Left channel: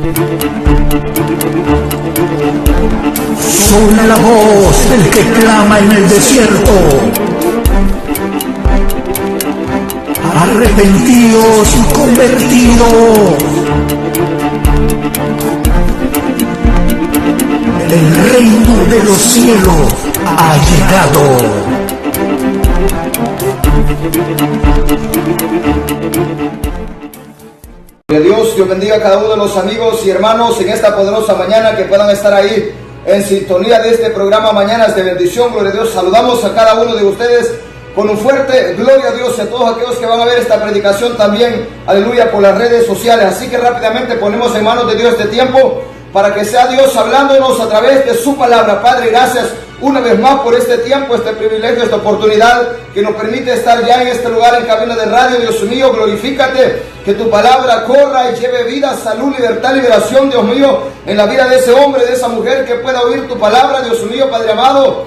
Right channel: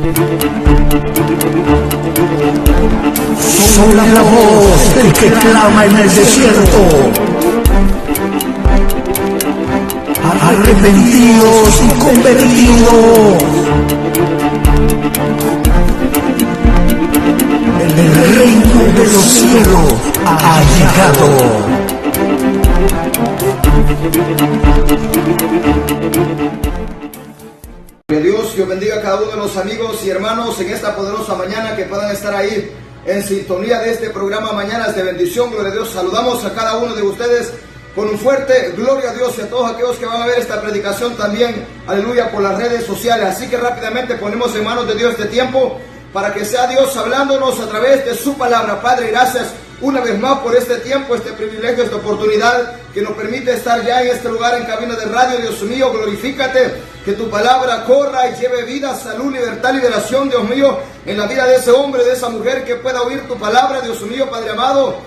Somos la voz que clama en el cielo. Arrepentidos, convertidos. El reino de los cielos ha llegado. Que Dios bendiga a cada uno de los amigos y hermanos en esta poderosa mañana, que puedan estar ahí en sintonía de este programa Mañanas de Bendición. Gloria a Dios. Saludamos a cada uno de ustedes con un fuerte gloria a Dios, y a todos aquellos que van a ver esta predicación también, aleluya, por las redes sociales. Así que rápidamente ponemos en manos de Dios este tiempo para que sea Dios hablándonos a través de su palabra. Padre, gracias una vez más por este tiempo, este privilegio, esta oportunidad que nos permite estar ya en este lugar en cabina de radio. Dios mío, glorifícate, que tu palabra corra y lleve vida, salud, libertad, liberación, Dios mío, en la vida de ese hombre, de esa mujer que pueda oír tu palabra, Dios mío, Padre amado,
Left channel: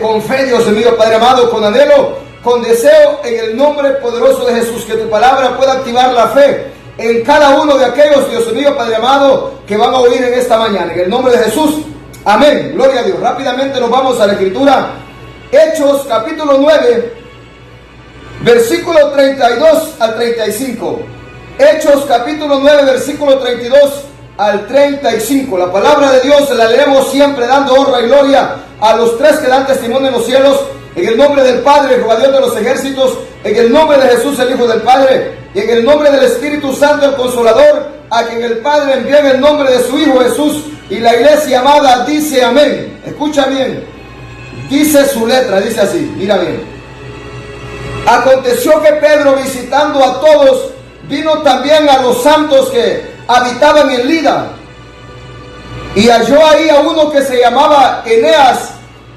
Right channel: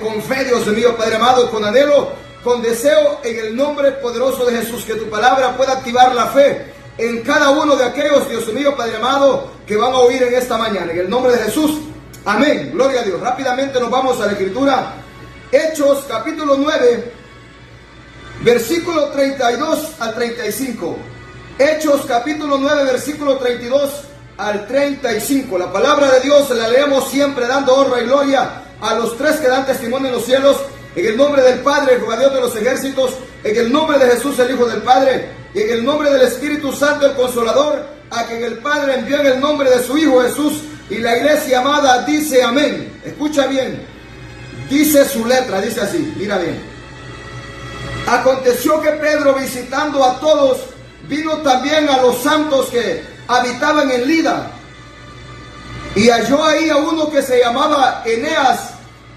con fe, Dios mío, Padre amado, con anhelo, con deseo, en el nombre poderoso de Jesús, que tu palabra pueda activar la fe en cada uno de aquellos, Dios mío, Padre amado, que van a oír en esta mañana, en el nombre de Jesús. Amén, gloria a Dios. Rápidamente nos vamos a la escritura. Hechos capítulo 9, versículo 32 al 35. Hechos capítulo 9, versículo 32 al 35. La palabra de Dios la leemos siempre dando honra y gloria a los tres que dan testimonio en los cielos. En el nombre del Padre, Jehová Dios de los ejércitos, en el nombre de Jesús, el Hijo del Padre, y en el nombre del Espíritu Santo, el Consolador, a quien el Padre envió en el nombre de su Hijo Jesús. Y la iglesia amada dice amén. Escucha bien. Dice su letra, dice así, mira bien. Aconteció que Pedro, visitando a todos, vino también a los santos que habitaban en Lida. Y halló ahí a uno que se llamaba Eneas,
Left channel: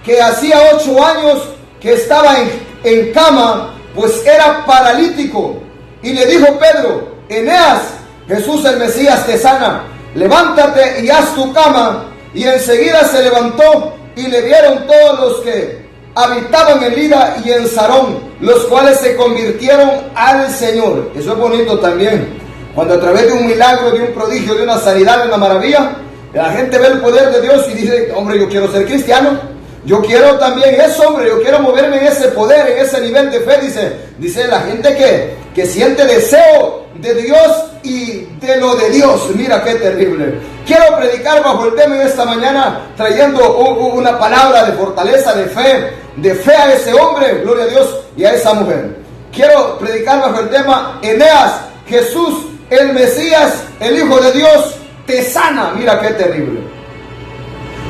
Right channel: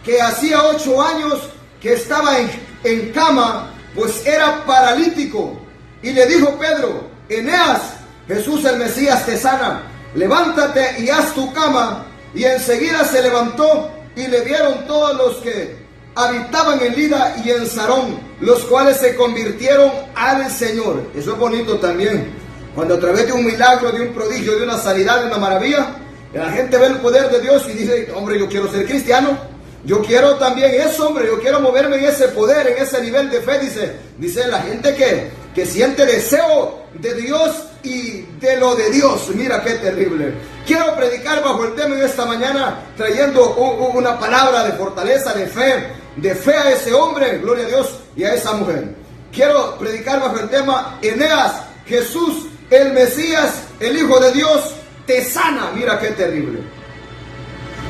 que hacía 8 años que estaba en cama, pues era paralítico. Y le dijo Pedro: Eneas, Jesús el Mesías te sana, levántate y haz tu cama. Y enseguida se levantó, y le vieron todos los que habitaban en Lida y en Sarón, los cuales se convirtieron al Señor. Eso es bonito también, cuando a través de un milagro, de un prodigio, de una sanidad, de una maravilla, la gente ve el poder de Dios y dice: hombre, yo quiero ser cristiano. Yo quiero también eso, hombre, yo quiero moverme en ese poder, en ese nivel de fe. Dice la gente que siente deseo de Dios y de lo de Dios. Mira qué terrible. Quiero predicar bajo el tema en esta mañana, trayendo una palabra de fortaleza, de fe a ese hombre, gloria a Dios, y a esa mujer. Quiero predicar bajo el tema: Eneas, Jesús, el Mesías, el Hijo de Dios, te sana. Mira qué terrible.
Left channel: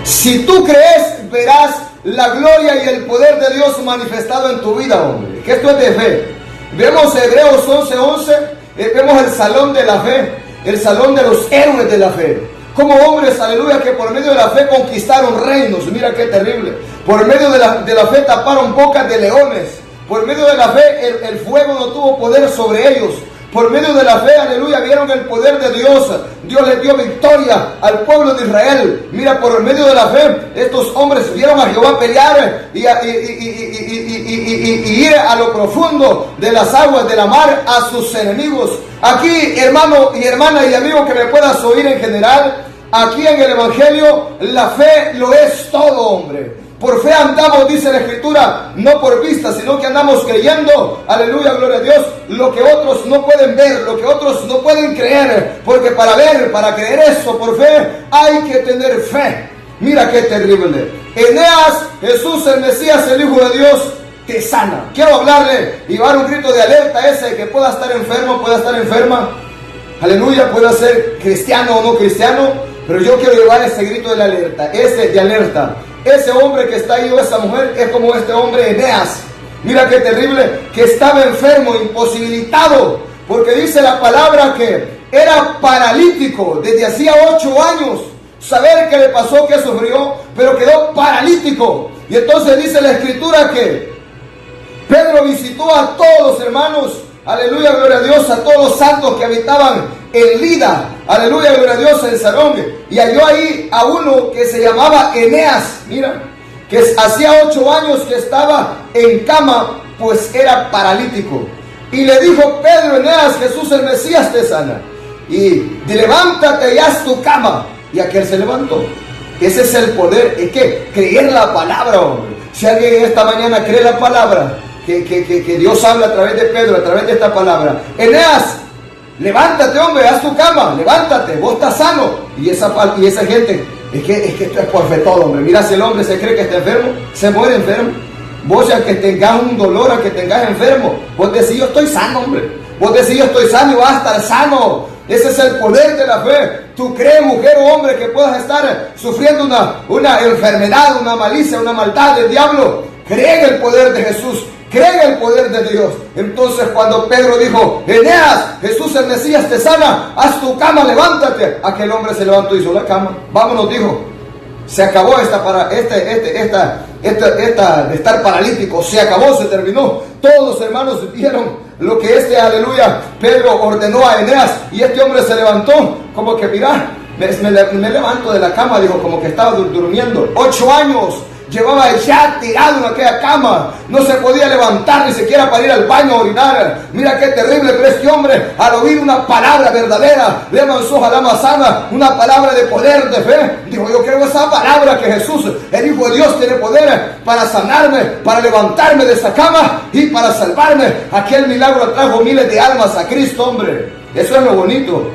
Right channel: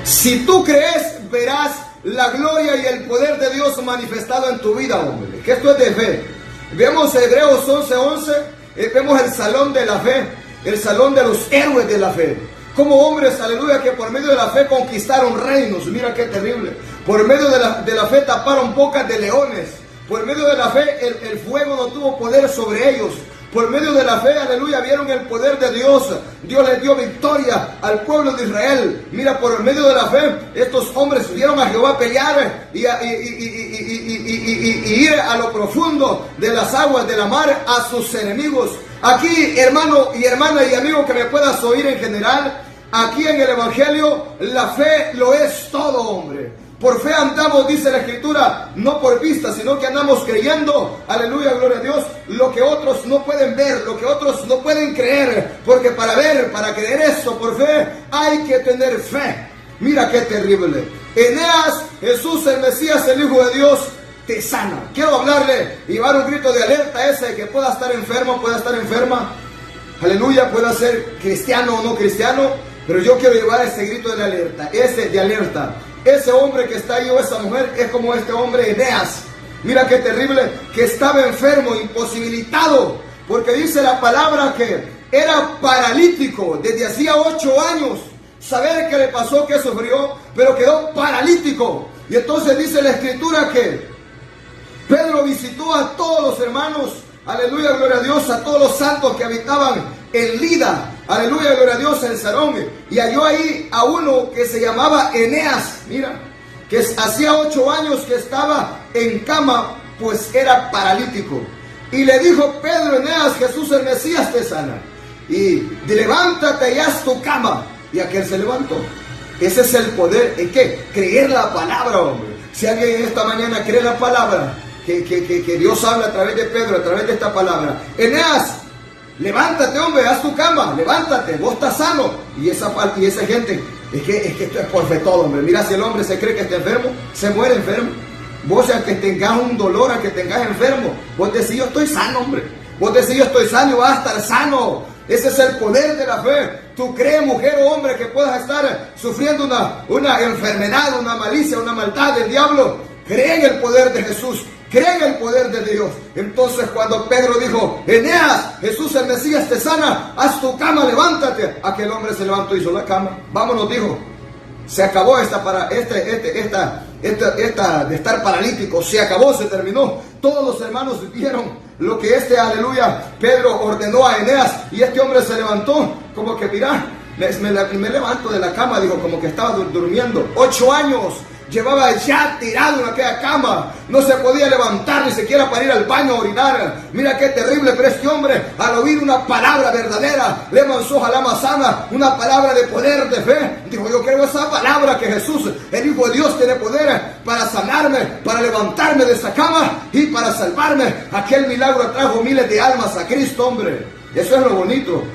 Si tú crees, verás la gloria y el poder de Dios manifestado en tu vida, hombre. Que esto es de fe. Vemos Hebreos 11:11, vemos el salón de la fe, el salón de los héroes de la fe. Como hombres, aleluya, que por medio de la fe conquistaron reinos. Mira qué terrible. Por medio de la fe taparon bocas de leones. Por medio de la fe el fuego no tuvo poder sobre ellos. Por medio de la fe, aleluya, vieron el poder de Dios. Dios les dio victoria al pueblo de Israel. Mira, por medio de la fe, estos hombres vieron a Jehová pelear y ir a lo profundo de las aguas de la mar a sus enemigos. Aquí, hermano y hermana y amigo que me puedas oír en general, aquí en el Evangelio, la fe lo es todo, hombre. Por fe andamos, dice la Escritura, no por vista, sino que andamos creyendo, aleluya, gloria a Dios, lo que otros no pueden ver, lo que otros no pueden creer, porque para ver, para creer eso por fe, hay que tener fe. Mira qué terrible. Eneas, Jesús el Mesías, el Hijo de Dios, te sana. Quiero hablarle y dar un grito de alerta a ese que pueda estar enfermo, pueda estar enferma, aleluya, pueda ser cristiano o no cristiano, pero yo quiero llevar ese grito de la alerta, ese de alerta. Ese hombre que está ahí o esa mujer es como este hombre Eneas. Mira qué terrible, que estaba enfermo, imposibilitado, porque dice la palabra que era paralítico desde hacía 8 años. Saber qué le pasó, qué sufrió, pero quedó paralítico. Y entonces dice la Escritura que Pedro visitó a todos los hermanos, aleluya, gloria a Dios, a todos los santos que habitaban en Lida, aleluya, gloria a Dios, en Sarón, y halló ahí a uno que se llamaba Eneas, mira, que hacía 8 años que estaba en cama, pues era paralítico. Y le dijo Pedro: Eneas, Jesús el Mesías te sana. y levántate y haz tu cama. Y aquel se levantó. Ese es el poder. ¿Es que creer la palabra, hombre? Si alguien esta mañana cree la palabra, que Dios habla a través de Pedro, a través de esta palabra. Eneas, levántate, hombre, haz tu cama, levántate, vos estás sano. Y esa gente, es que esto es por fe todo, hombre. Mira, si el hombre se cree que está enfermo, se muere enfermo. Vos, al que tengas un dolor, al que tengas enfermo, vos decís, yo estoy sano, hombre. Vos decís, yo estoy sano y vas a estar sano. Ese es el poder de la fe. Tú crees, mujer o hombre, que puedas estar sufriendo una enfermedad, una malicia, una maldad del diablo. Cree en el poder de Jesús. Cree en el poder de Dios. Entonces cuando Pedro dijo, Eneas, Jesús el Mesías te sana, haz tu cama, levántate. Aquel hombre se levantó y hizo la cama. Vámonos, dijo. Se acabó de estar paralítico. Se acabó, se terminó. Todos los hermanos vieron lo que aleluya, Pedro ordenó a Eneas. Y este hombre se levantó como que, mira, me levanto de la cama, dijo, como que estaba durmiendo. 8 años llevaba ya tirado en aquella cama, no se podía levantar ni siquiera para ir al baño a orinar. Mira qué terrible, pero este hombre, al oír una palabra verdadera, le lanzó a la manzana, una palabra de poder, de fe, dijo, yo creo esa palabra que Jesús, el Hijo de Dios, tiene poder para sanarme, para levantarme de esa cama y para salvarme. Aquel milagro trajo miles de almas a Cristo, hombre. Eso es lo bonito.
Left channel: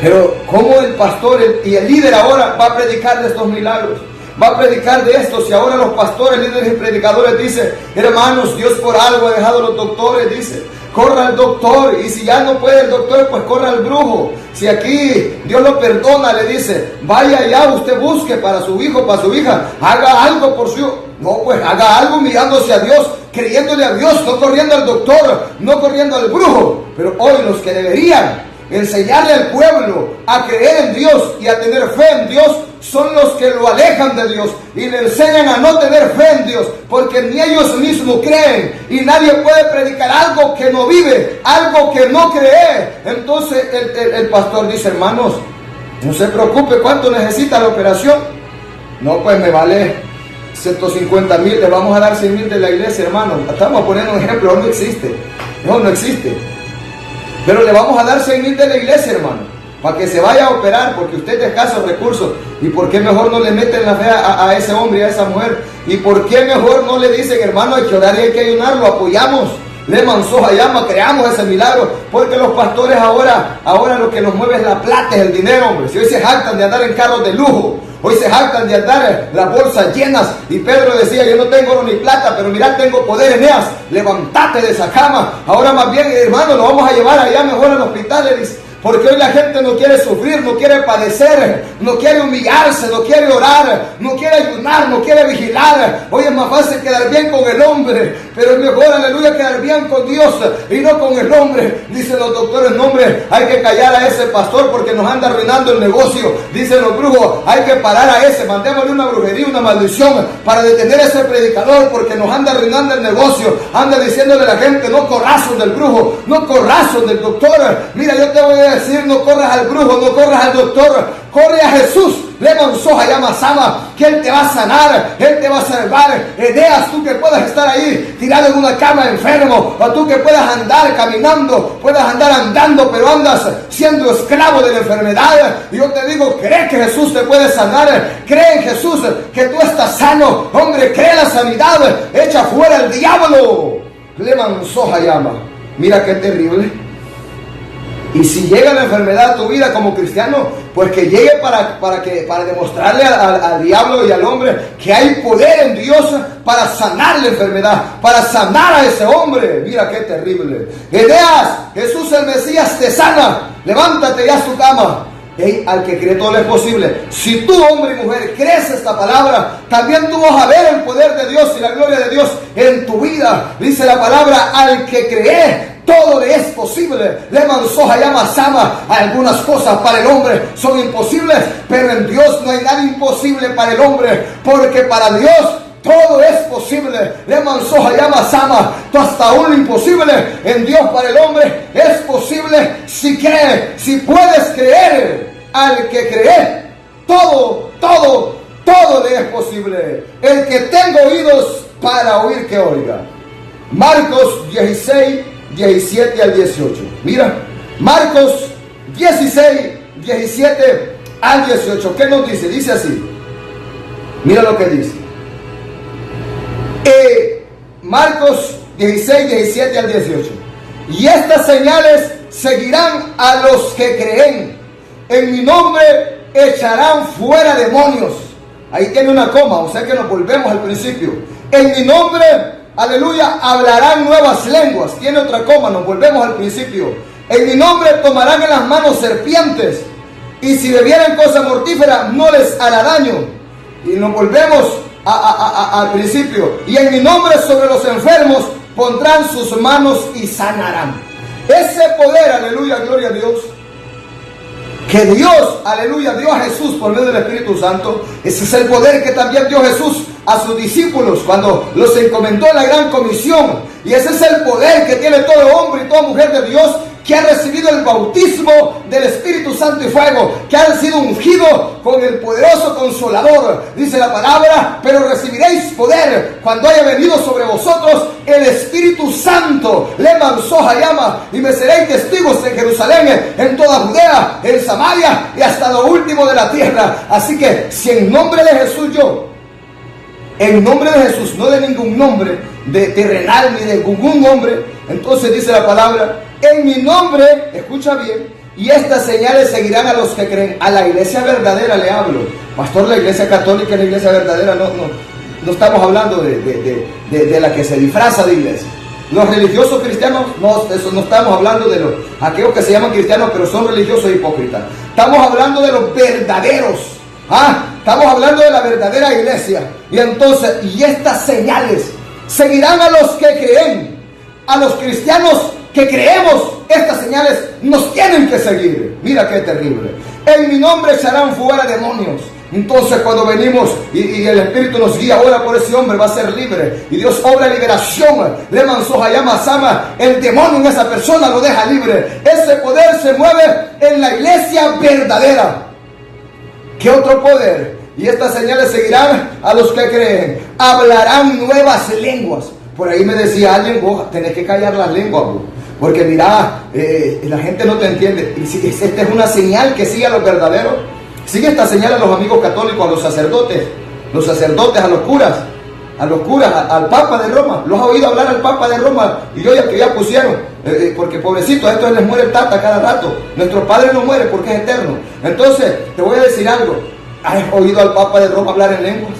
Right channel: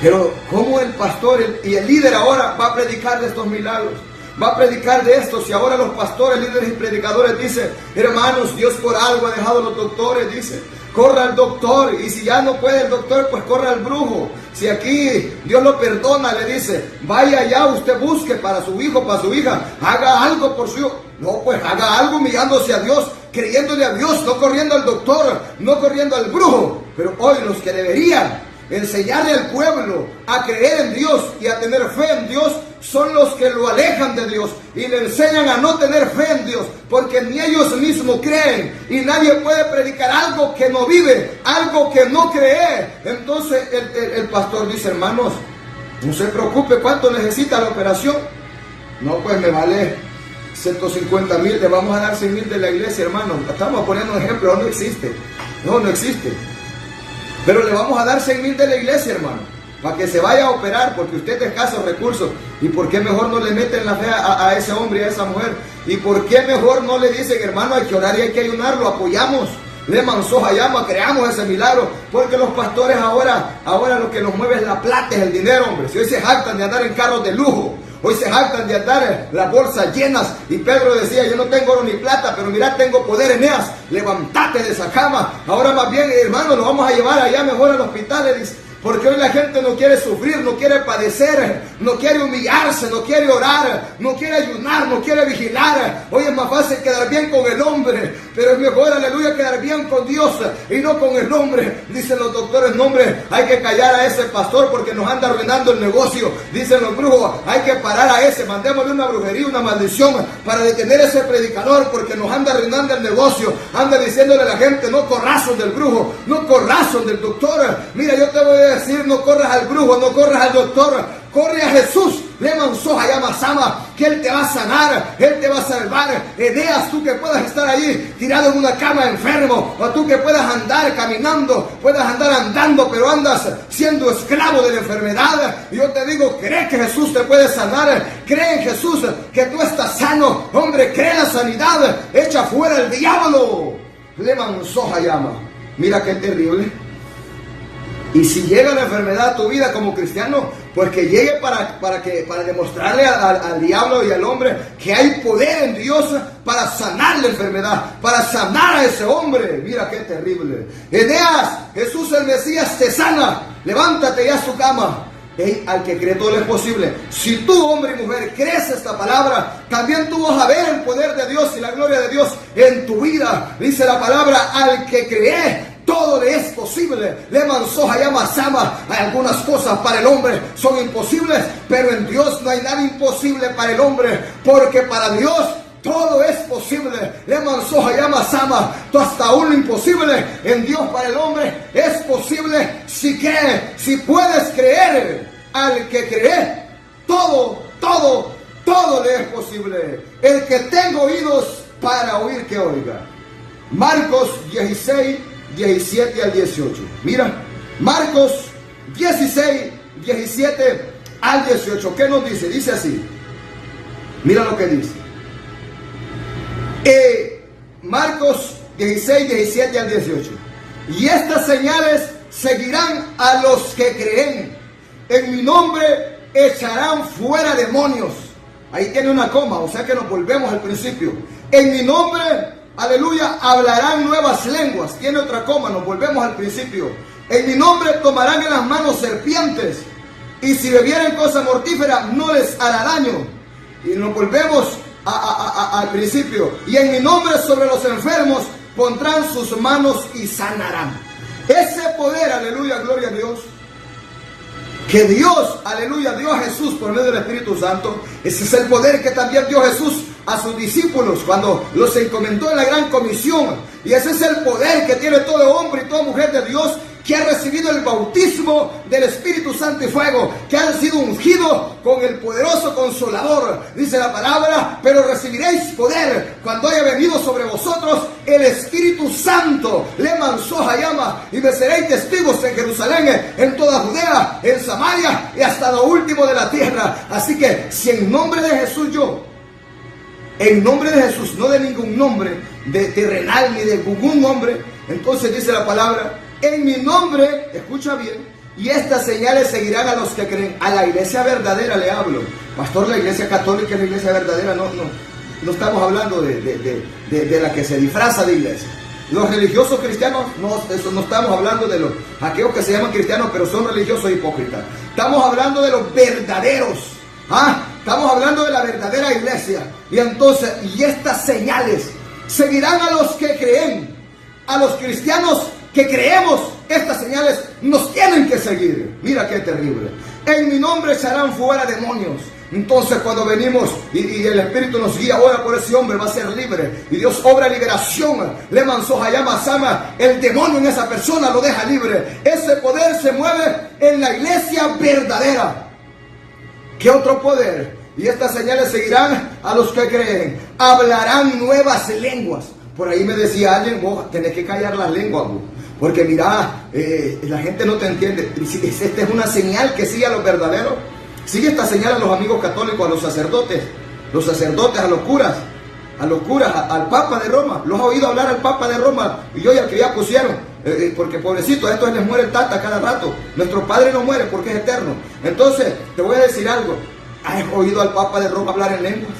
Pero ¿cómo el pastor y el líder ahora va a predicar de estos milagros? Va a predicar de esto. Si ahora los pastores, líderes y predicadores dicen, hermanos, Dios por algo ha dejado a los doctores, dice, corra al doctor, y si ya no puede el doctor, pues corra al brujo. Si aquí Dios lo perdona, le dice, vaya allá, usted busque para su hijo, para su hija, haga algo por su hijo. No, pues haga algo mirándose a Dios, creyéndole a Dios, no corriendo al doctor, no corriendo al brujo. Pero hoy los que deberían enseñarle al pueblo a creer en Dios y a tener fe en Dios son los que lo alejan de Dios y le enseñan a no tener fe en Dios, porque ni ellos mismos creen, y nadie puede predicar algo que no vive, algo que no cree. Entonces el pastor dice, hermanos, no se preocupe, ¿cuánto necesita la operación? No, pues me vale 150,000, le vamos a dar 100,000 de la iglesia, hermano. Estamos poniendo un ejemplo, no existe, no existe. Pero le vamos a dar 100,000 de la iglesia, hermano, para que se vaya a operar, porque usted es de escasos recursos. ¿Y por qué mejor no le meten la fe a ese hombre y a esa mujer? ¿Y por qué mejor no le dicen, hermano, hay que orar y hay que ayunar? Lo apoyamos, le manzó a llama, creamos ese milagro. Porque los pastores ahora lo que nos mueve es la plata, es el dinero, hombre. Si hoy se jactan de andar en carros de lujo, hoy se jactan de andar las bolsas llenas. Y Pedro decía, yo no tengo oro ni plata, pero mira, tengo poder, Eneas, levántate de esa cama. Ahora más bien, hermano, lo vamos a llevar allá mejor al hospital, le dice. Porque hoy la gente no quiere sufrir, no quiere padecer, no quiere humillarse, no quiere orar, no quiere ayunar, no quiere vigilar. Hoy es más fácil quedar bien con el hombre, pero es mejor, aleluya, quedar bien con Dios y no con el hombre. Dicen los doctores, no, hombre, hay que callar a ese pastor porque nos anda arruinando el negocio. Dicen los brujos, hay que parar a ese, mandémosle una brujería, una maldición para detener a ese predicador porque nos anda arruinando el negocio. Anda diciéndole a la gente, no corrazos del brujo, no corrazos del doctor. Mira, yo te voy a decir, no corras al brujo, no corras al doctor, corre a Jesús. Le manzó a llama Sama, que Él te va a sanar, Él te va a salvar. Eneas, tú que puedas estar ahí tirado en una cama enfermo, o tú que puedas andar caminando, puedas andar andando, pero andas siendo esclavo de la enfermedad. Y yo te digo, cree que Jesús te puede sanar, cree en Jesús que tú estás sano, hombre, cree la sanidad, echa fuera el diablo. Le manzó a llama. Mira qué terrible. Y si llega la enfermedad a tu vida como cristiano, pues que llegue para demostrarle al diablo y al hombre que hay poder en Dios para sanar la enfermedad, para sanar a ese hombre. Mira qué terrible. Eneas, Jesús el Mesías te sana, levántate y haz tu cama. Hey, al que cree todo es posible. Si tú, hombre y mujer, crees esta palabra, también tú vas a ver el poder de Dios y la gloria de Dios en tu vida. Dice la palabra, al que cree, todo le es posible. Le manzó a llama Sama. Algunas cosas para el hombre son imposibles, pero en Dios no hay nada imposible para el hombre, porque para Dios todo es posible. Le manzó a llama Sama. Hasta aún lo imposible en Dios para el hombre es posible si cree, si puedes creer. Al que cree, todo le es posible. El que tenga oídos para oír, que oiga. Marcos 16, 17 al 18. Mira, Marcos 16, 17 al 18. ¿Qué nos dice? Dice así. Mira lo que dice. Marcos 16, 17 al 18. Y estas señales seguirán a los que creen. En mi nombre echarán fuera demonios. Ahí tiene una coma, o sea que nos volvemos al principio. En mi nombre, aleluya, hablarán nuevas lenguas. Tiene otra coma, nos volvemos al principio. En mi nombre tomarán en las manos serpientes. Y si bebieren cosa mortífera, no les hará daño. Y nos volvemos al principio. Y en mi nombre sobre los enfermos pondrán sus manos y sanarán. Ese poder, aleluya, gloria a Dios, que Dios, aleluya, dio a Jesús por medio del Espíritu Santo. Ese es el poder que también dio Jesús a sus discípulos cuando los encomendó en la gran comisión. Y ese es el poder que tiene todo hombre y toda mujer de Dios que ha recibido el bautismo del Espíritu Santo y fuego, que han sido ungidos con el poderoso Consolador. Dice la palabra: pero recibiréis poder cuando haya venido sobre vosotros el Espíritu Santo. Le manzó llama y me seréis testigos en Jerusalén, en toda Judea, en Samaria y hasta lo último de la tierra. Así que si en nombre de Jesús en nombre de Jesús, no de ningún nombre de terrenal ni de ningún nombre, entonces dice la palabra: en mi nombre, escucha bien, y estas señales seguirán a los que creen. A la iglesia verdadera le hablo. Pastor, la iglesia católica es la iglesia verdadera. No estamos hablando de la que se disfraza de iglesia. Los religiosos cristianos, no estamos hablando de aquellos que se llaman cristianos pero son religiosos hipócritas. Estamos hablando de los verdaderos. Estamos hablando de la verdadera iglesia. Y entonces, y estas señales seguirán a los que creen. A los cristianos que creemos, estas señales nos tienen que seguir. Mira qué terrible. En mi nombre echarán fuera demonios. Entonces cuando venimos y el Espíritu nos guía, ahora por ese hombre va a ser libre. Y Dios obra liberación. Le manzó llama sama. El demonio en esa persona lo deja libre. Ese poder se mueve en la iglesia verdadera. ¿Qué otro poder? Y estas señales seguirán a los que creen. Hablarán nuevas lenguas. Por ahí me decía alguien: vos tenés que callar las lenguas, vos, porque mira, la gente no te entiende. Y esta es una señal que sigue a los verdaderos. Sigue esta señal a los amigos católicos, a los sacerdotes, a los curas, al Papa de Roma. ¿Los has oído hablar al Papa de Roma? Y yo que ya pusieron, porque pobrecito, a estos les muere el tata cada rato. Nuestro Padre no muere porque es eterno. Entonces, te voy a decir algo. ¿Has oído al Papa de Roma hablar en lenguas?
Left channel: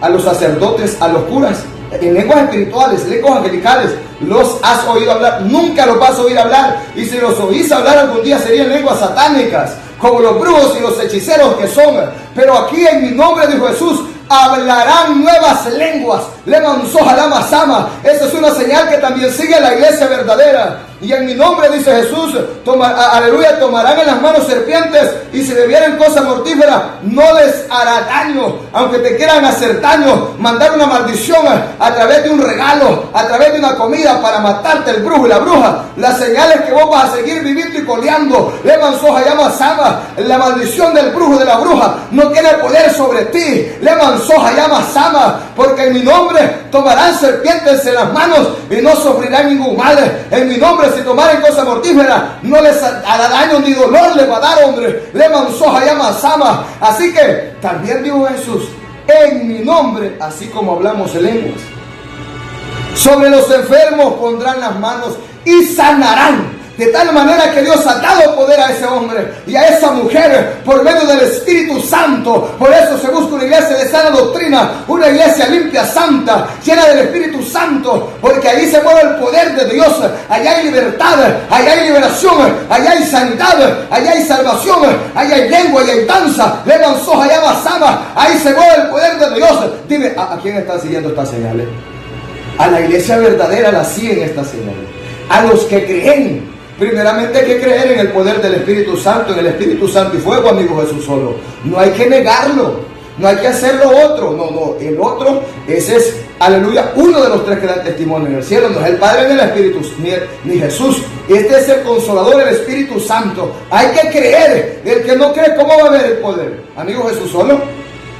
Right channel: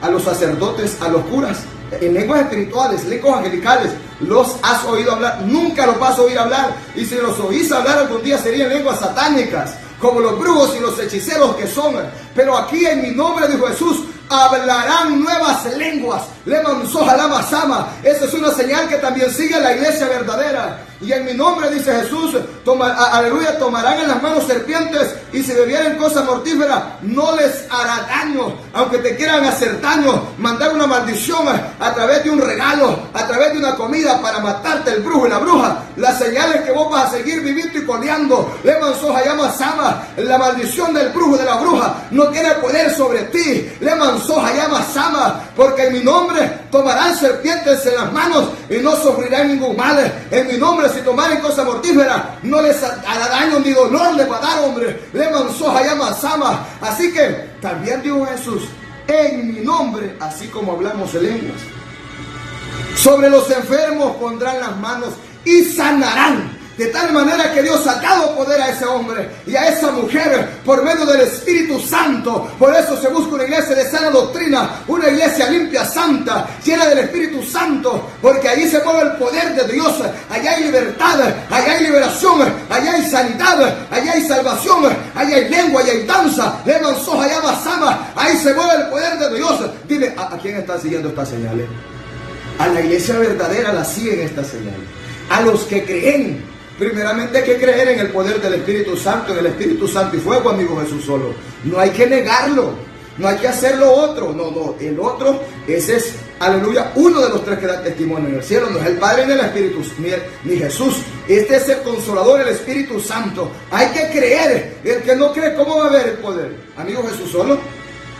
A los sacerdotes, a los curas, en lenguas espirituales, lenguas angelicales, ¿los has oído hablar? Nunca los vas a oír hablar. Y si los oís hablar algún día serían lenguas satánicas, como los brujos y los hechiceros que son. Pero aquí en mi nombre, dijo Jesús, hablarán nuevas lenguas. Le manzó jalama sama. Esa es una señal que también sigue a la iglesia verdadera. Y en mi nombre, dice Jesús, aleluya, tomarán en las manos serpientes, y si bebieren cosa mortífera, no les hará daño. Aunque te quieran hacer daño, mandar una maldición a través de un regalo, a través de una comida para matarte el brujo y la bruja, la señal es que vos vas a seguir viviendo y coleando. Le manzó llama sama. La maldición del brujo y de la bruja no tiene poder sobre ti. Le manzó llama sama. Porque en mi nombre tomarán serpientes en las manos y no sufrirán ningún mal. En mi nombre, si tomaren cosa mortífera, no les hará daño ni dolor les va a dar, hombre. Le manzó llama sama. Así que también dijo Jesús: en mi nombre, así como hablamos en lenguas, sobre los enfermos pondrán las manos y sanarán. De tal manera que Dios ha dado poder a ese hombre y a esa mujer por medio del Espíritu Santo. Por eso se busca una iglesia de sana doctrina, una iglesia limpia, santa, llena del Espíritu Santo, porque ahí se mueve el poder de Dios. Allá hay libertad, allá hay liberación, allá hay sanidad, allá hay salvación, allá hay lengua, allá hay danza. Le manzó allá basama. Ahí se mueve el poder de Dios. Dime, ¿a quién están siguiendo estas señales? A la iglesia verdadera la siguen estas señales. A los que creen. Primeramente hay que creer en el poder del Espíritu Santo, en el Espíritu Santo y fuego, amigo Jesús solo. No hay que negarlo, no hay que hacer lo otro. No, el otro, ese es, aleluya, uno de los tres que dan testimonio en el cielo. No es el Padre ni el Espíritu, ni Jesús. Este es el Consolador, el Espíritu Santo. Hay que creer. El que no cree, ¿cómo va a ver el poder? Amigo Jesús solo.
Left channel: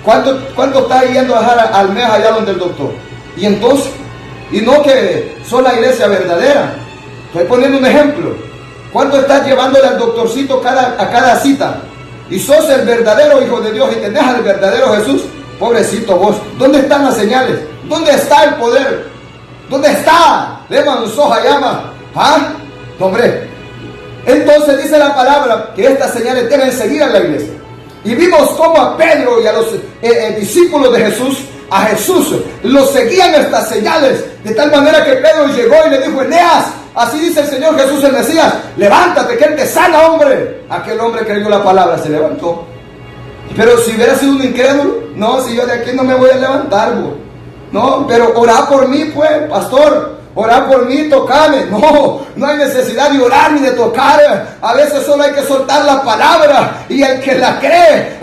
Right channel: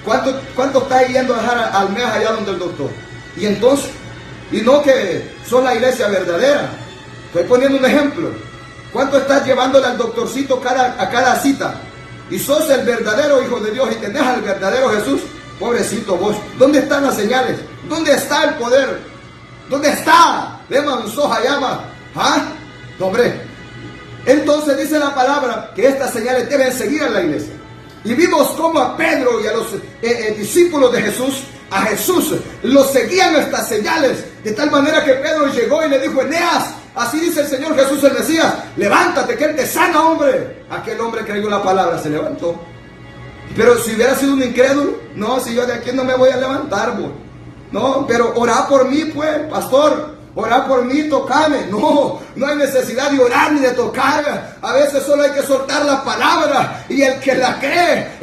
¿Cuánto está yendo a dejar al mes allá donde el doctor? Y entonces, y no que son la iglesia verdadera. Estoy poniendo un ejemplo. ¿Cuánto estás llevándole al doctorcito a cada cita? Y sos el verdadero Hijo de Dios y tenés al verdadero Jesús. Pobrecito vos. ¿Dónde están las señales? ¿Dónde está el poder? ¿Dónde está? Leman soja llama. ¿Ah? No, hombre. Entonces dice la palabra que estas señales deben seguir a la iglesia. Y vimos cómo a Pedro y a los discípulos de Jesús, a Jesús, los seguían estas señales. De tal manera que Pedro llegó y le dijo: Eneas, así dice el Señor Jesús el Mesías, levántate que Él te sana, hombre. Aquel hombre creyó la palabra, se levantó. Pero si hubiera sido un incrédulo, no, si yo de aquí no me voy a levantar, bo. No, pero orá por mí, pues, pastor. Orá por mí, tocame. No, no hay necesidad de orar ni de tocar. A veces solo hay que soltar la palabra. Y el que la cree,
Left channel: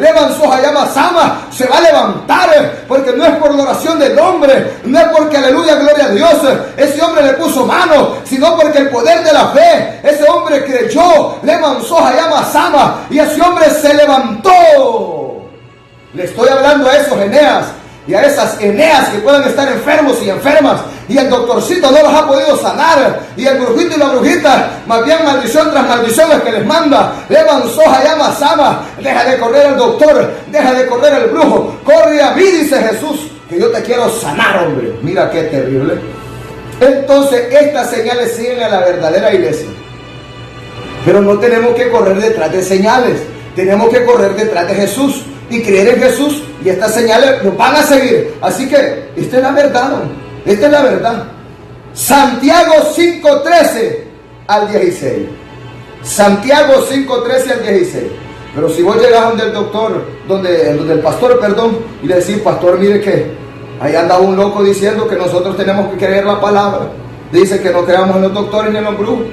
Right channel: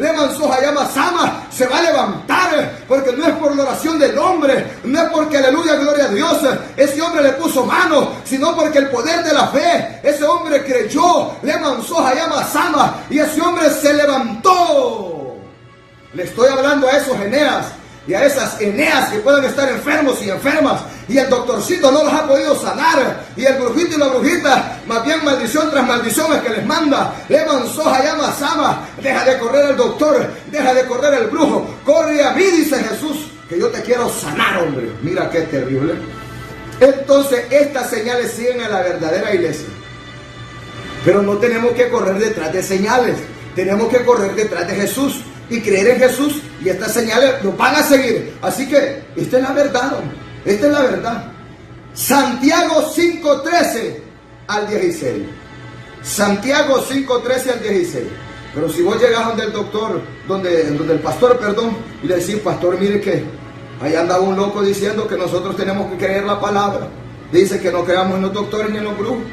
Sama, se va a levantar. Porque no es por la oración del hombre. No es porque, aleluya, gloria a Dios, ese hombre le puso mano. Sino porque el poder de la fe, ese hombre creyó. Sama. Y ese hombre se levantó. Le estoy hablando a esos Eneas. Y a esas Eneas que puedan estar enfermos y enfermas, y el doctorcito no los ha podido sanar, y el brujito y la brujita, más bien maldición tras maldición es que les manda. Sama, deja de correr al doctor, deja de correr al brujo, corre a mí, dice Jesús, que yo te quiero sanar, hombre. Mira qué terrible. Entonces estas señales siguen a la verdadera iglesia, pero no tenemos que correr detrás de señales, tenemos que correr detrás de Jesús y creer en Jesús, y estas señales nos van a seguir. Así que esta es la verdad, esta es la verdad. Santiago 5:13 al 16. Santiago 5:13 al 16. Pero si vos llegas donde el doctor, donde el pastor, y le decís: pastor, mire que ahí anda un loco diciendo que nosotros tenemos que creer la palabra, dice que no creamos en los doctores ni en los brujos.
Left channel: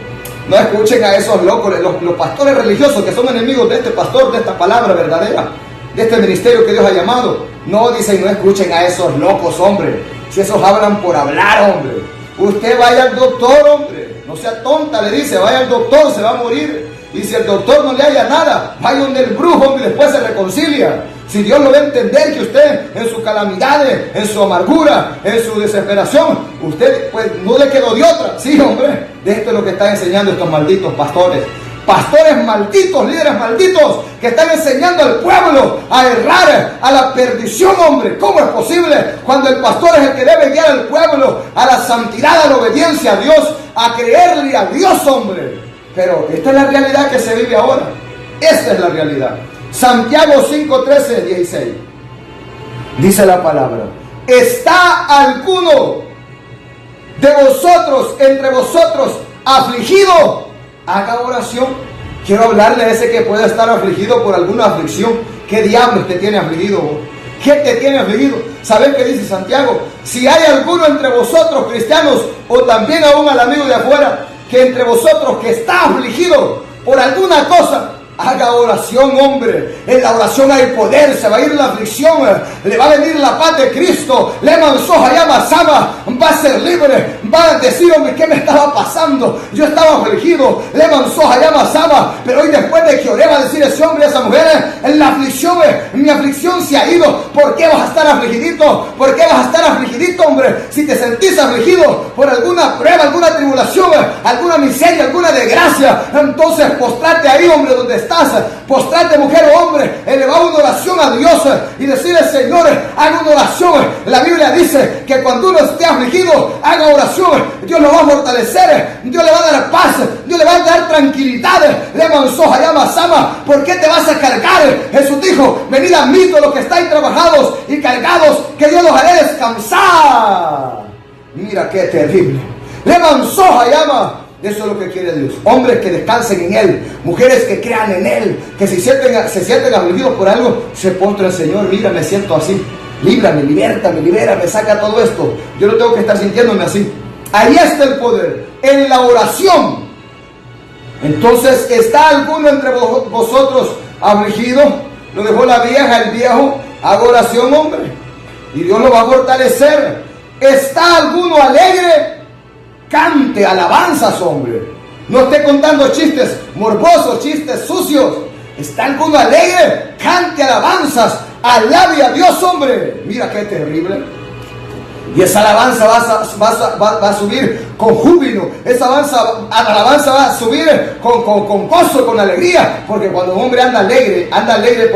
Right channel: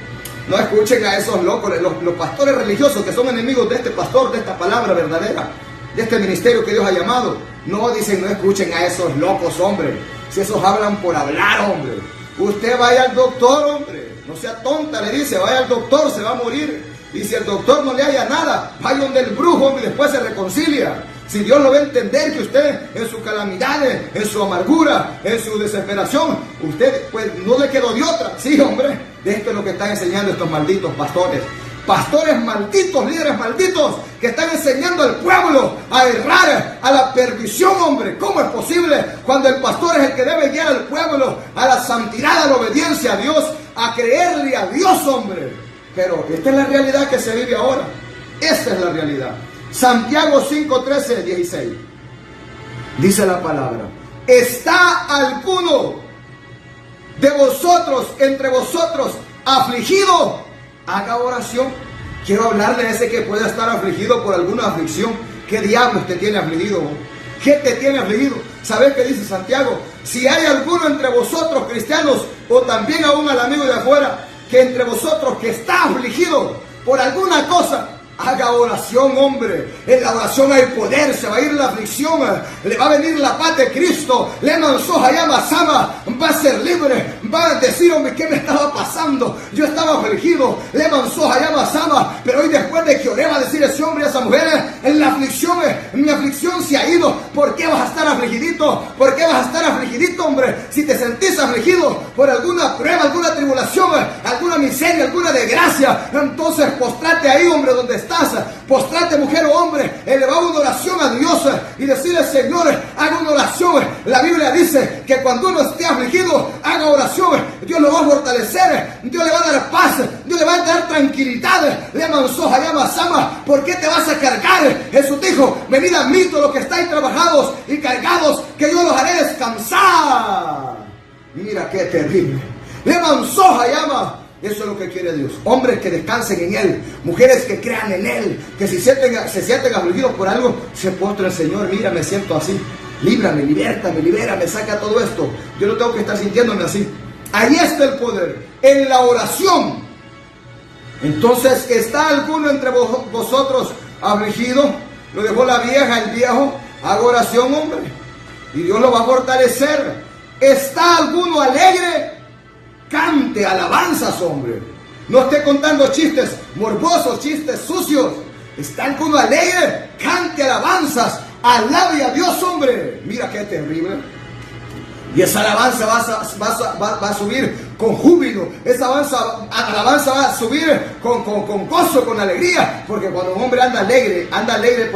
No escuchen a esos locos, los pastores religiosos que son enemigos de este pastor, de esta palabra verdadera, de este ministerio que Dios ha llamado. No, dicen, no escuchen a esos locos, hombre. Si esos hablan por hablar, hombre. Usted vaya al doctor, hombre. No sea tonta, le dice, vaya al doctor, se va a morir. Y si el doctor no le haya nada, vaya donde el brujo, hombre, y después se reconcilia. Si Dios lo va a entender, que usted en sus calamidades, en su amargura, en su desesperación, usted pues no le quedó de otra. Sí, hombre, de esto es lo que están enseñando estos malditos pastores. Pastores malditos, líderes malditos, que están enseñando al pueblo a errar, a la perdición, hombre. ¿Cómo es posible cuando el pastor es el que debe guiar al pueblo a la santidad, a la obediencia a Dios, a creerle a Dios, hombre? Pero esta es la realidad que se vive ahora. Esta es la realidad. Santiago 5:13, 16. Dice la palabra: ¿está alguno de vosotros, entre vosotros, afligido? Haga oración. Quiero hablarle a ese que pueda estar afligido por alguna aflicción. ¿Qué diablos te tiene afligido? ¿Qué te tiene afligido? ¿Sabes qué dice Santiago? Si hay alguno entre vosotros, cristianos, o también aún al amigo de afuera, que entre vosotros que está afligido por alguna cosa, haga oración, hombre. En la oración hay poder, se va a ir la aflicción, le va a venir la paz de Cristo, le mansoja llama sama, va a ser libre, va a decir: hombre, ¿qué me estaba pasando? Yo estaba afligido, le mansoja llama sama, pero hoy después de que oré va a decir ese hombre y esa mujer: en la aflicción, mi aflicción se ha ido. ¿Por qué vas a estar afligidito? ¿Por qué vas a estar afligidito, hombre? Si te sentís afligido por alguna prueba, alguna tribulación, alguna miseria, alguna desgracia, entonces postrate ahí, hombre, donde estás. Postrate, mujer o hombre, eleva una oración a Dios y decirle: Señor, haga una oración. La Biblia dice que cuando uno esté afligido, haga oración. Dios lo va a fortalecer, Dios le va a dar paz, Dios le va a dar tranquilidad. Le mansoja, llama sama. ¿Por qué te vas a cargar? Jesús dijo: venid a mí todos los que estáis trabajados y cargados, que yo los haré descansar. Mira qué terrible. Le mansoja, llama. Eso es lo que quiere Dios. Hombres que descansen en Él, mujeres que crean en Él, que se sienten afligidos por algo, se postran: Señor, mira, me siento así, líbrame, libérame, saca todo esto. Yo no tengo que estar sintiéndome así. Ahí está el poder, en la oración. Entonces, ¿está alguno entre vosotros afligido? Lo dejó la vieja, el viejo. Haga oración, hombre, y Dios lo va a fortalecer. ¿Está alguno alegre? Cante alabanzas, hombre. No esté contando chistes morbosos, chistes sucios. ¿Está alguno alegre? Cante alabanzas. Alabe a Dios, hombre. Mira qué terrible. Y esa alabanza va a subir con júbilo. Esa alabanza va a subir con gozo, con alegría. Porque cuando un hombre anda alegre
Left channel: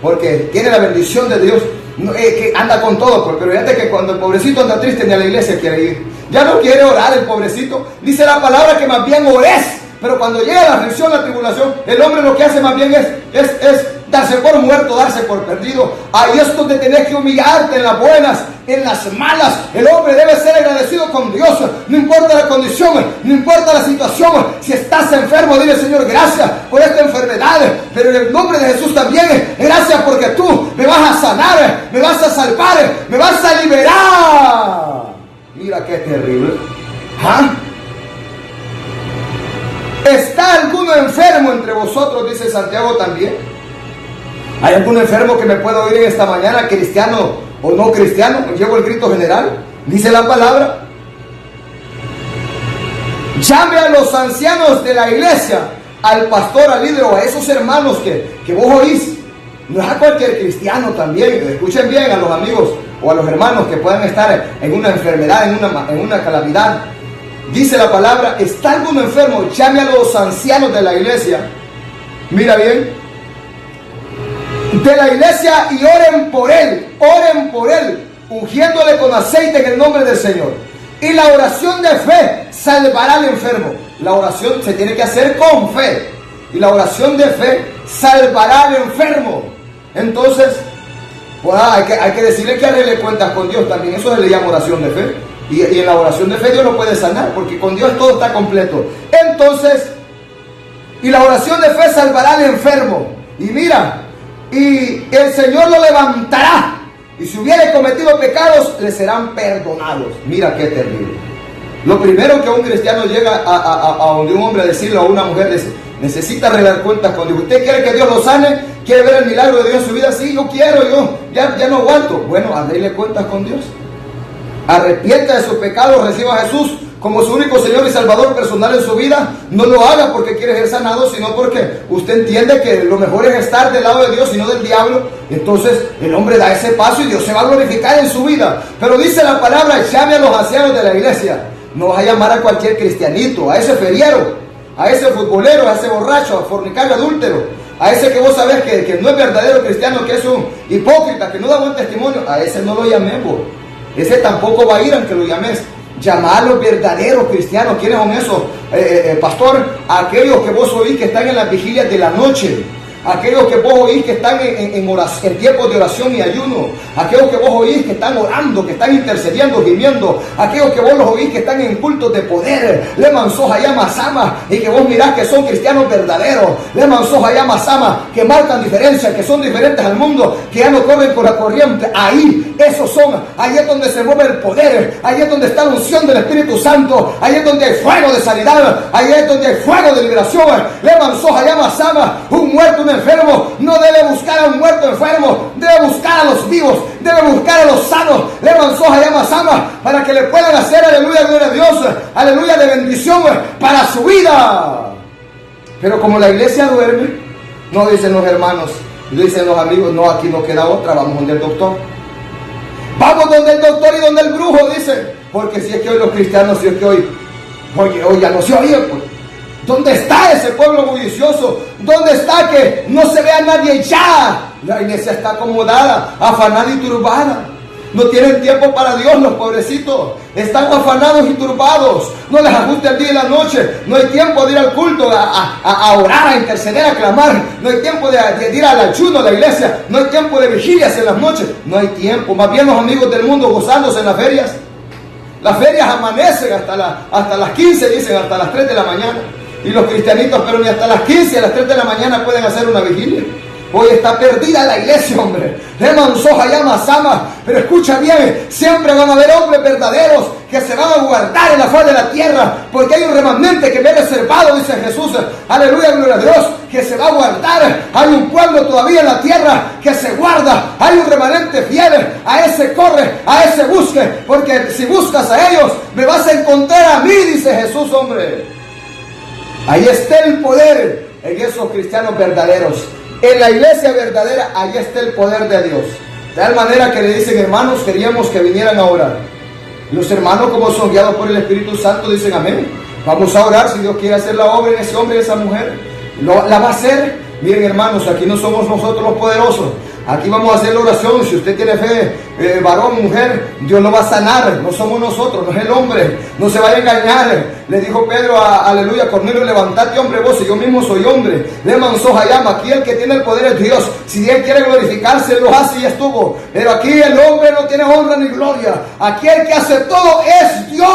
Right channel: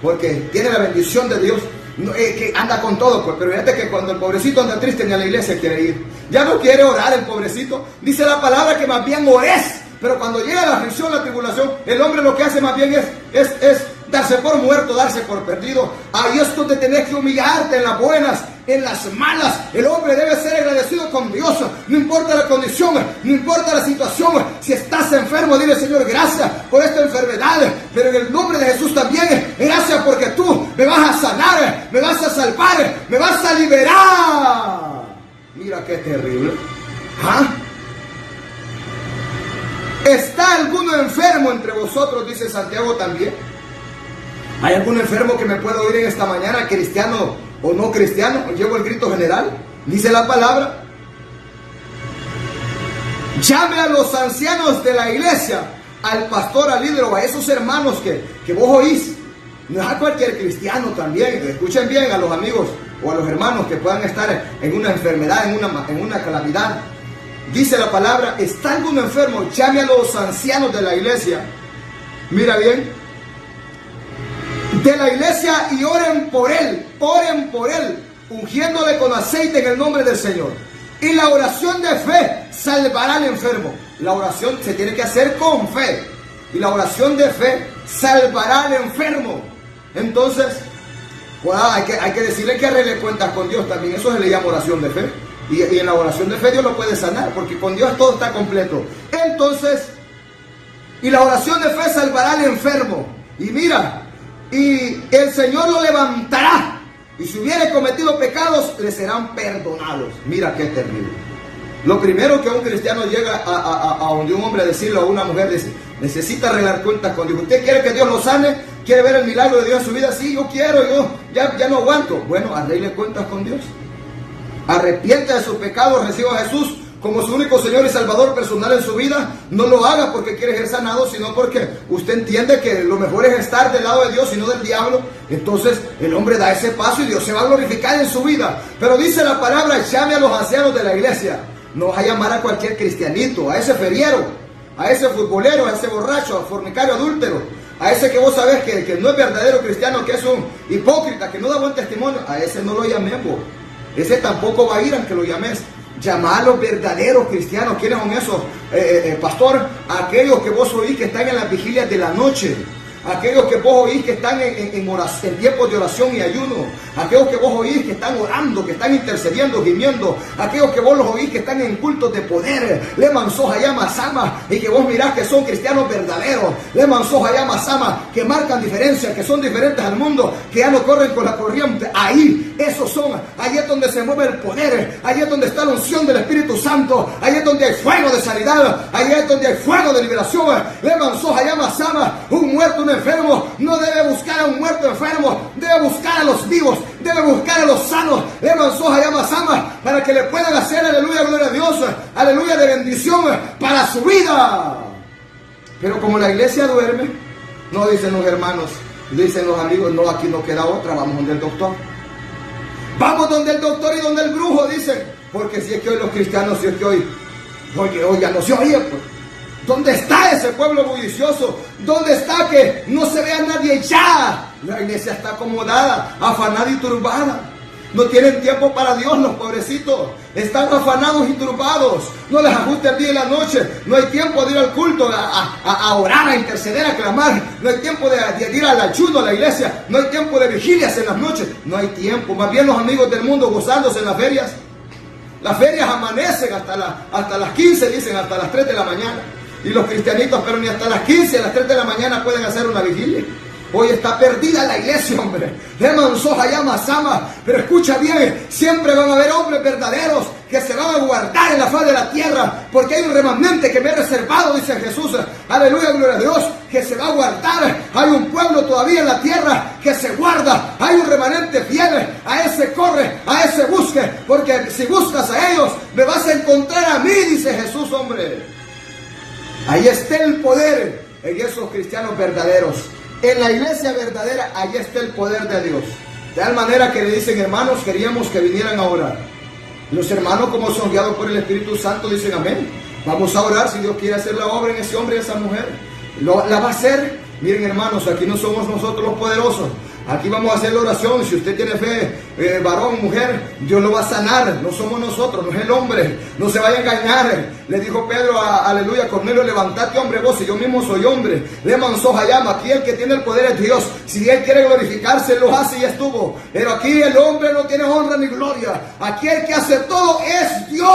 porque tiene la bendición de Dios, que anda con todo. Pero fíjate que cuando el pobrecito anda triste, ni a la iglesia quiere ir. Ya no quiere orar el pobrecito. Dice la palabra que más bien ores. Pero cuando llega la aflicción, la tribulación, el hombre lo que hace más bien es darse por muerto, darse por perdido. Ahí es donde tenés que humillarte en las buenas, en las malas. El hombre debe ser agradecido con Dios. No importa la condición, no importa la situación. Si estás enfermo, dile: Señor, gracias por esta enfermedad. Pero en el nombre de Jesús también, gracias porque tú me vas a sanar, me vas a salvar, me vas a liberar. Mira qué terrible. ¿Ah? ¿Está alguno enfermo entre vosotros? Dice Santiago también. ¿Hay algún enfermo que me pueda oír en esta mañana, cristiano o no cristiano? Llevo el grito general. Dice la palabra: llame a los ancianos de la iglesia, al pastor, al líder o a esos hermanos que vos oís. No es a cualquier cristiano también. Escuchen bien a los amigos o a los hermanos que puedan estar en una enfermedad, en una calamidad. Dice la palabra: ¿está alguno enfermo? Llame a los ancianos de la iglesia. Mira bien, de la iglesia, y oren por él, ungiéndole con aceite en el nombre del Señor. Y la oración de fe salvará al enfermo. La oración se tiene que hacer con fe. Y la oración de fe salvará al enfermo. Entonces, pues, hay que decirle que arregle cuentas con Dios también. Eso se le llama oración de fe. Y en la oración de fe Dios lo puede sanar, porque con Dios todo está completo. Entonces, y la oración de fe salvará al enfermo. Y mira, y el Señor lo levantará. Y si hubiere cometido pecados, le serán perdonados. Mira qué terrible. Lo primero que un cristiano llega a donde un hombre a decirle a una mujer, necesita arreglar cuentas con Dios. ¿Usted quiere que Dios lo sane? ¿Quiere ver el milagro de Dios en su vida? Sí, yo quiero, yo ya no aguanto. Bueno, arregle cuentas con Dios. Arrepienta de sus pecados, reciba a Jesús como su único Señor y Salvador personal en su vida. No lo haga porque quiere ser sanado, sino porque usted entiende que lo mejor es estar del lado de Dios y no del diablo. Entonces el hombre da ese paso y Dios se va a glorificar en su vida. Pero dice la palabra: llame a los ancianos de la iglesia. No vas a llamar a cualquier cristianito, a ese feriero, a ese futbolero, a ese borracho, a fornicario, adúltero, a ese que vos sabés que no es verdadero cristiano, que es un hipócrita, que no da buen testimonio. A ese no lo llamemos. Ese tampoco va a ir aunque lo llames. Llamar a los verdaderos cristianos. ¿Quiénes son esos? Pastor, aquellos que vos oís que están en las vigilias de la noche. Aquellos que vos oís que están en tiempos de oración y ayuno. Aquellos que vos oís que están orando, que están intercediendo, gimiendo. Aquellos que vos los oís que están en cultos de poder. Leman soja llama sama. Y que vos mirás que son cristianos verdaderos. Leman soja llama sama. Que marcan diferencia, que son diferentes al mundo. Que ya no corren con la corriente. Ahí, esos son. Ahí es donde se mueve el poder. Ahí es donde está la unción del Espíritu Santo. Ahí es donde hay fuego de sanidad. Ahí es donde hay fuego de liberación. Leman soja llama sama. Un muerto, un enfermo no debe buscar a un muerto enfermo, debe buscar a los vivos, debe buscar a los sanos. Levan soja llama sama para que le puedan hacer aleluya, gloria a Dios, aleluya de bendición para su vida. Pero como la iglesia duerme, no dicen los hermanos, dicen los amigos: no, aquí no queda otra, vamos donde el doctor. Vamos donde el doctor y donde el brujo, dicen. Porque si es que hoy los cristianos, si es que hoy ya no se oye, pues. ¿Dónde está ese pueblo bullicioso? ¿Dónde está que no se vea nadie ya? La iglesia está acomodada, afanada y turbada. No tienen tiempo para Dios los pobrecitos. Están afanados y turbados. No les ajusta el día y la noche. No hay tiempo de ir al culto, a orar, a interceder, a clamar. No hay tiempo de ir al ayuno a la iglesia. No hay tiempo de vigilias en las noches. No hay tiempo. Más bien los amigos del mundo gozándose en las ferias. Las ferias amanecen hasta las 15, dicen, hasta las 3 de la mañana. Y los cristianitos, pero ni hasta las 15, a las 3 de la mañana pueden hacer una vigilia. Hoy está perdida la iglesia, hombre. Leman soja llama sama. Pero escucha bien, siempre van a haber hombres verdaderos que se van a guardar en la faz de la tierra, porque hay un remanente que me ha reservado, dice Jesús. Aleluya, gloria a Dios, que se va a guardar. Hay un pueblo todavía en la tierra que se guarda. Hay un remanente fiel. A ese corre, a ese busque, porque si buscas a ellos, me vas a encontrar a mí, dice Jesús, hombre. Ahí está el poder en esos cristianos verdaderos. En la iglesia verdadera, ahí está el poder de Dios. De tal manera que le dicen: hermanos, queríamos que vinieran a orar. Los hermanos, como son guiados por el Espíritu Santo, dicen amén. Vamos a orar si Dios quiere hacer la obra en ese hombre y esa mujer. La va a hacer. Miren, hermanos, aquí no somos nosotros los poderosos. Aquí vamos a hacer la oración. Si usted tiene fe, varón, mujer, Dios lo va a sanar. No somos nosotros, no es el hombre. No se vaya a engañar. Le dijo Pedro, aleluya, Cornelio, levantate, hombre, vos, y yo mismo soy hombre. Le manzó Hayama. Aquí el que tiene el poder es Dios. Si él quiere glorificarse, lo hace y estuvo. Pero aquí el hombre no tiene honra ni gloria. Aquí el que hace todo es Dios.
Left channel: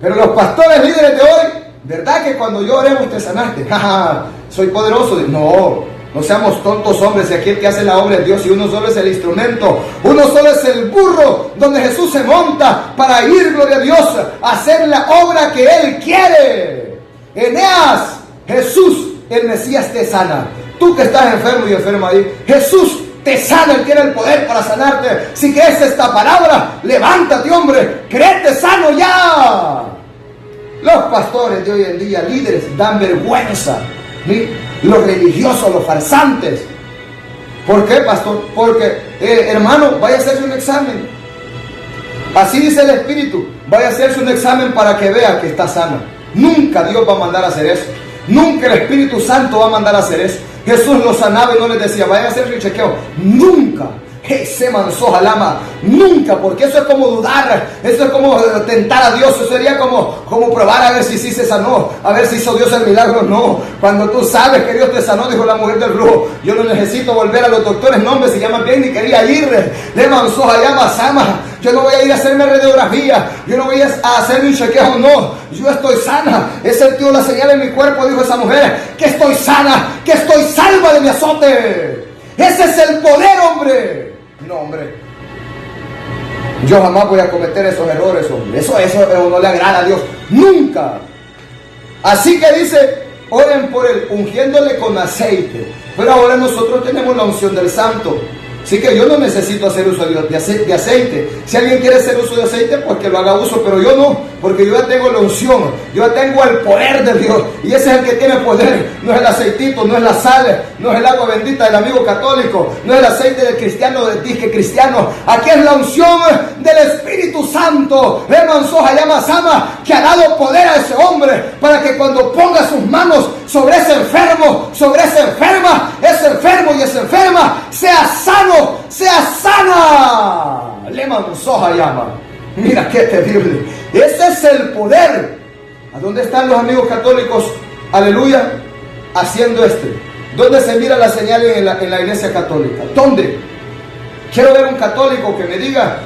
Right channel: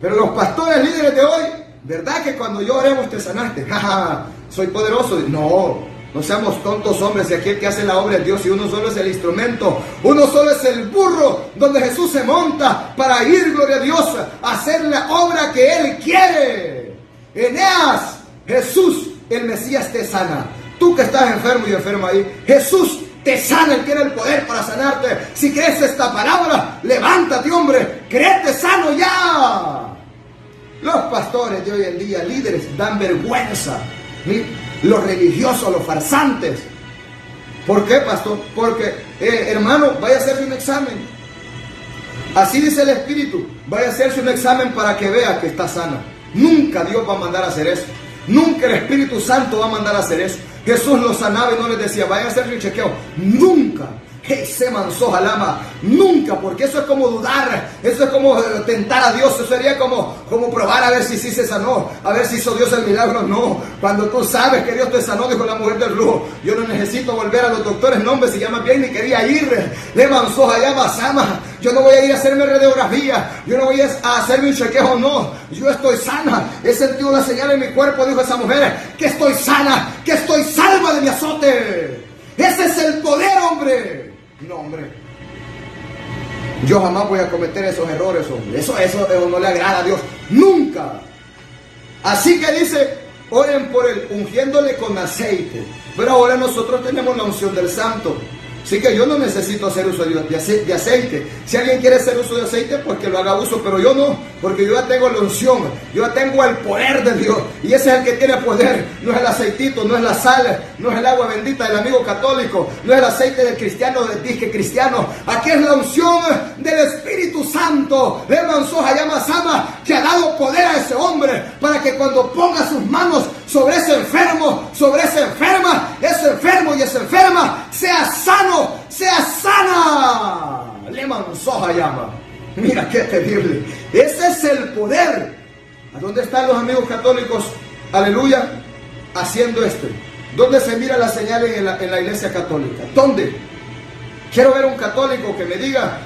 Pero los pastores líderes de hoy, ¿verdad que cuando yo oremos te sanaste? Soy poderoso. No seamos tontos, hombres. Y aquí el que hace la obra es Dios, y uno solo es el instrumento. Uno solo es el burro donde Jesús se monta para ir, gloria a Dios, a hacer la obra que Él quiere. Eneas, Jesús, el Mesías, te sana. Tú que estás enfermo y enfermo ahí, Jesús te sana. Él tiene el poder para sanarte. Si crees esta palabra, levántate, hombre, créete sano ya. Los pastores de hoy en día, líderes, dan vergüenza. ¿Sí? Los religiosos, los farsantes. ¿Por qué, pastor? Porque, hermano, vaya a hacerse un examen. Así dice el Espíritu. Vaya a hacerse un examen para que vea que está sana. Nunca Dios va a mandar a hacer eso. Nunca el Espíritu Santo va a mandar a hacer eso. Jesús los sanaba y no les decía, vayan a hacerse un chequeo. Nunca. Se manzó Jalama, nunca, porque eso es como dudar, eso es como tentar a Dios, eso sería como probar a ver si sí se sanó, a ver si hizo Dios el milagro. No, cuando tú sabes que Dios te sanó, dijo la mujer del flujo, yo no necesito volver a los doctores, no, hombre, si ya más bien ni quería ir, le manzó Jalama Sama, yo no voy a ir a hacerme radiografía, yo no voy a hacerme un chequeo, no, yo estoy sana, he sentido la señal en mi cuerpo, dijo esa mujer, que estoy sana, que estoy salva de mi azote. Ese es el poder, hombre. No, hombre, yo jamás voy a cometer esos errores, hombre. Eso no le agrada a Dios, nunca. Así que dice, oren por él, ungiéndole con aceite. Pero ahora nosotros tenemos la unción del Santo. Así que yo no necesito hacer uso de aceite. Si alguien quiere hacer uso de aceite, pues que lo haga uso, pero yo no, porque yo ya tengo la unción, yo ya tengo el poder de Dios, y ese es el que tiene poder. No es el aceitito, no es la sal, no es el agua bendita del amigo católico, no es el aceite del cristiano, del disque cristiano. Aquí es la unción del Espíritu Santo. Le manzó Hayama Sama, que ha dado poder a ese hombre, para que cuando ponga sus manos sobre ese enfermo, sobre esa enferma, ese enfermo y esa enferma, sea sano, sea sana. Le manzó Hayama. Mira qué terrible. Ese es el poder. ¿A dónde están los amigos católicos? Aleluya. Haciendo ¿Dónde se mira la señal en la iglesia católica? ¿Dónde? Quiero ver un católico que me diga,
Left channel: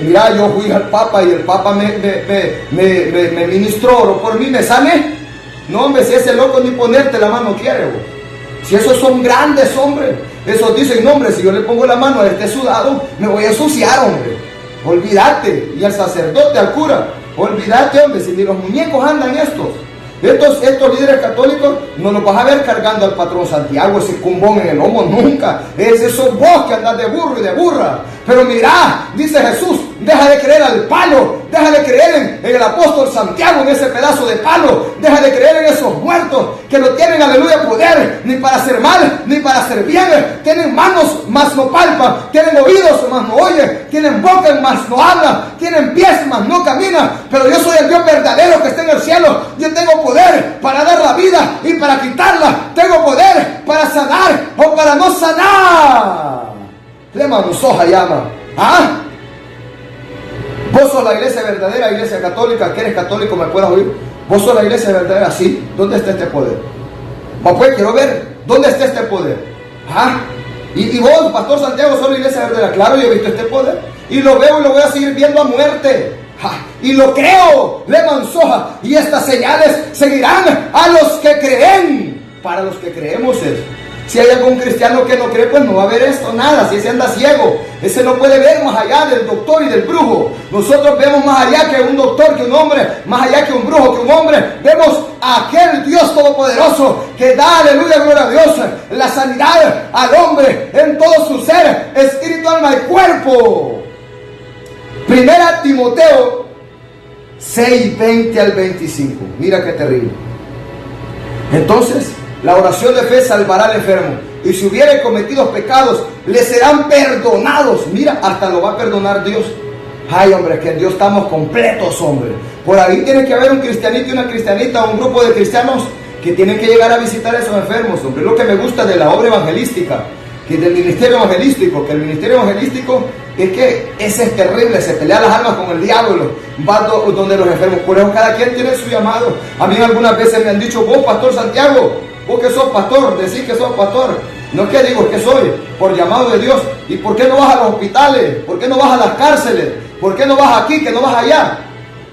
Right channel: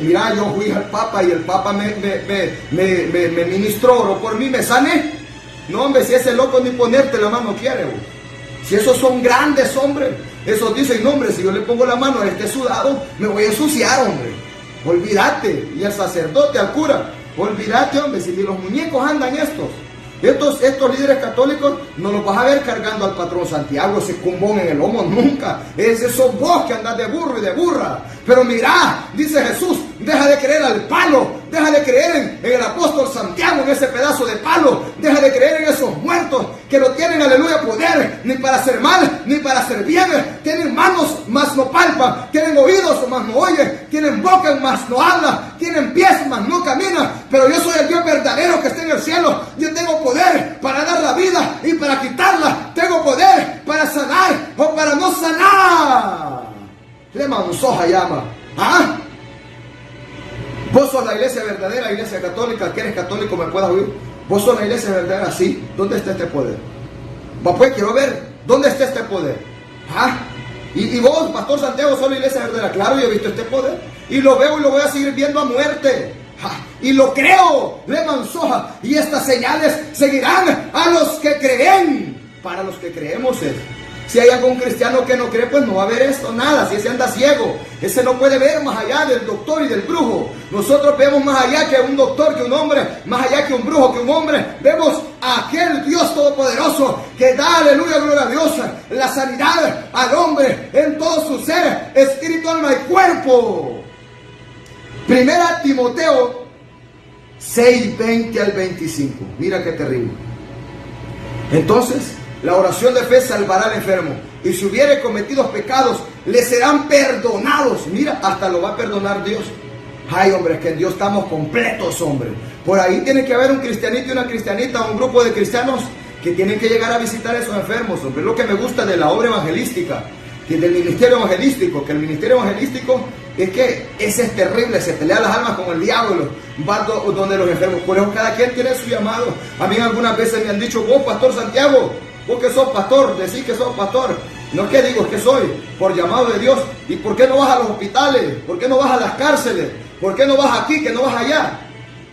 mira, yo fui al Papa y el Papa me ministró, oró por mí, me sané. No, hombre, si ese loco ni ponerte la mano quiere, vos. Si esos son grandes, hombre, esos dicen, no, hombre, si yo le pongo la mano a este sudado, me voy a ensuciar, hombre. Olvídate. Y al sacerdote, al cura, olvídate, hombre, si ni los muñecos andan estos líderes católicos, no los vas a ver cargando al patrón Santiago, ese cumbón en el lomo, nunca. Esos vos que andas de burro y de burra. Pero mirá, dice Jesús, deja de creer al palo, deja de creer en el apóstol Santiago, en ese pedazo de palo, deja de creer en esos muertos que no tienen, aleluya, poder, ni para hacer mal, ni para hacer bien. Tienen manos, mas no palpan, tienen oídos, mas no oyen, tienen boca, mas no hablan, tienen pies, mas no caminan. Pero yo soy el Dios verdadero que está en el cielo. Yo tengo poder para dar la vida y para quitarla. Tengo poder para sanar o para no sanar. Le manzó Hayama. ¿Ah? Vos sos la iglesia verdadera, iglesia católica, que eres católico, me puedas oír. Vos sos la iglesia verdadera, sí. ¿Dónde está este poder? Pues quiero ver, ¿dónde está este poder? ¿Ah? Y vos, Pastor Santiago, sos la iglesia verdadera. Claro, yo he visto este poder. Y lo veo y lo voy a seguir viendo a muerte. ¡Ja! Y lo creo, le manzoja. Y estas señales seguirán a los que creen. Para los que creemos es. Si hay algún cristiano que no cree, pues no va a ver esto, nada. Si ese anda ciego, ese no puede ver más allá del doctor y del brujo. Nosotros vemos más allá que un doctor, que un hombre, más allá que un brujo, que un hombre. Vemos a aquel Dios todopoderoso que da, aleluya, gloria a Dios, la sanidad al hombre en todo su ser, espíritu, alma y cuerpo. Primera Timoteo 6, 20 al 25. Mira qué terrible. Entonces, la oración de fe salvará al enfermo, y si hubiere cometido pecados, le serán perdonados. Mira, hasta lo va a perdonar Dios. Ay, hombre, es que en Dios estamos completos, hombre. Por ahí tiene que haber un cristianito y una cristianita, un grupo de cristianos que tienen que llegar a visitar a esos enfermos, hombre. Lo que me gusta de la obra evangelística, que del ministerio evangelístico, que el ministerio evangelístico es que ese es terrible, se pelea las almas con el diablo, va donde los enfermos. Por eso cada quien tiene su llamado. A mí algunas veces me han dicho, vos, Pastor Santiago, vos que sos pastor, decís que sos pastor. No es que digo, es que soy, por llamado de Dios. ¿Y por qué no vas a los hospitales? ¿Por qué no vas a las cárceles? ¿Por qué no vas aquí, que no vas allá?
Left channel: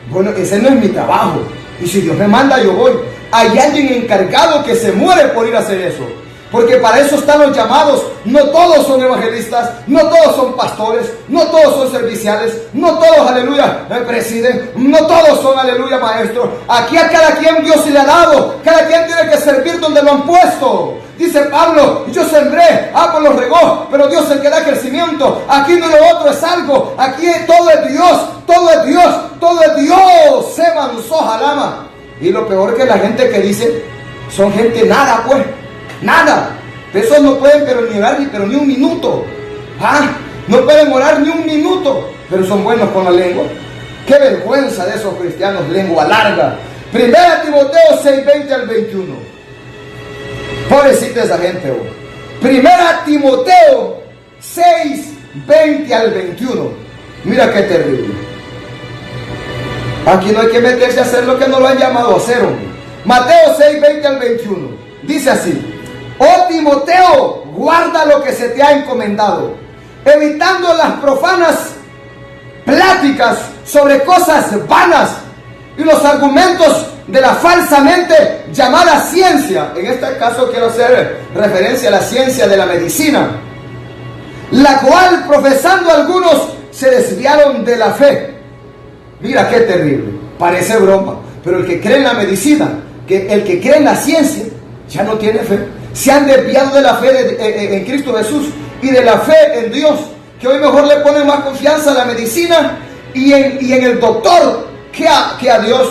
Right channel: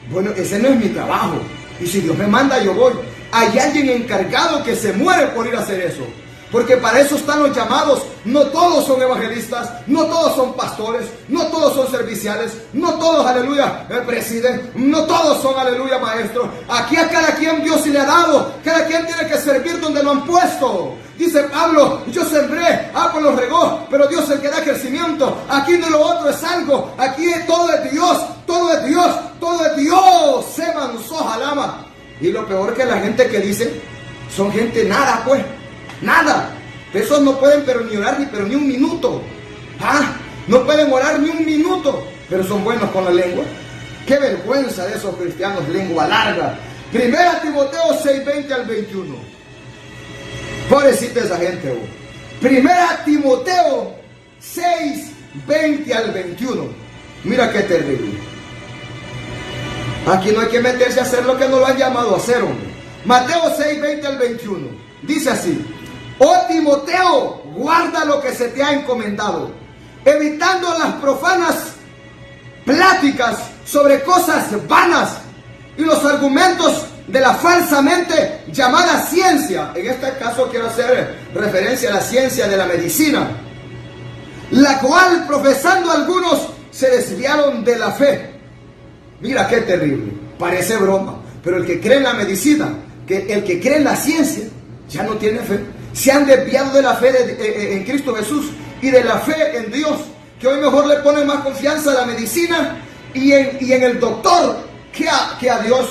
Bueno, ese no es mi trabajo. Y si Dios me manda, yo voy. Hay alguien encargado que se muere por ir a hacer eso. Porque para eso están los llamados. No todos son evangelistas, no todos son pastores, no todos son serviciales, no todos, aleluya, presiden, no todos son, aleluya, maestros. Aquí a cada quien Dios se le ha dado. Cada quien tiene que servir donde lo han puesto. Dice Pablo, yo sembré, Apolos regó, pero Dios es el que da crecimiento. Aquí no lo otro es algo. Aquí todo es Dios, todo es Dios, todo es Dios. Se manzó jalama. Y lo peor que la gente que dice, son gente nada, pues. Nada. Esos no pueden pero ni orar pero ni un minuto. No pueden orar ni un minuto, pero son buenos con la lengua. Qué vergüenza de esos cristianos, lengua larga. Primera Timoteo 6:20 al 21. Pobrecita esa gente, oh. Primera Timoteo 6:20 al 21. Mira qué terrible. Aquí no hay que meterse a hacer lo que no lo han llamado a hacer, hombre. Mateo 6:20 al 21. Dice así: oh Timoteo, guarda lo que se te ha encomendado, evitando las profanas pláticas sobre cosas vanas y los argumentos de la falsamente llamada ciencia. En este caso quiero hacer referencia a la ciencia de la medicina, la cual profesando algunos se desviaron de la fe. Mira qué terrible, parece broma, pero el que cree en la medicina, el que cree en la ciencia, ya no tiene fe. Se han desviado de la fe en Cristo Jesús y de la fe en Dios, que hoy mejor le ponen más confianza a la medicina y en el doctor que a Dios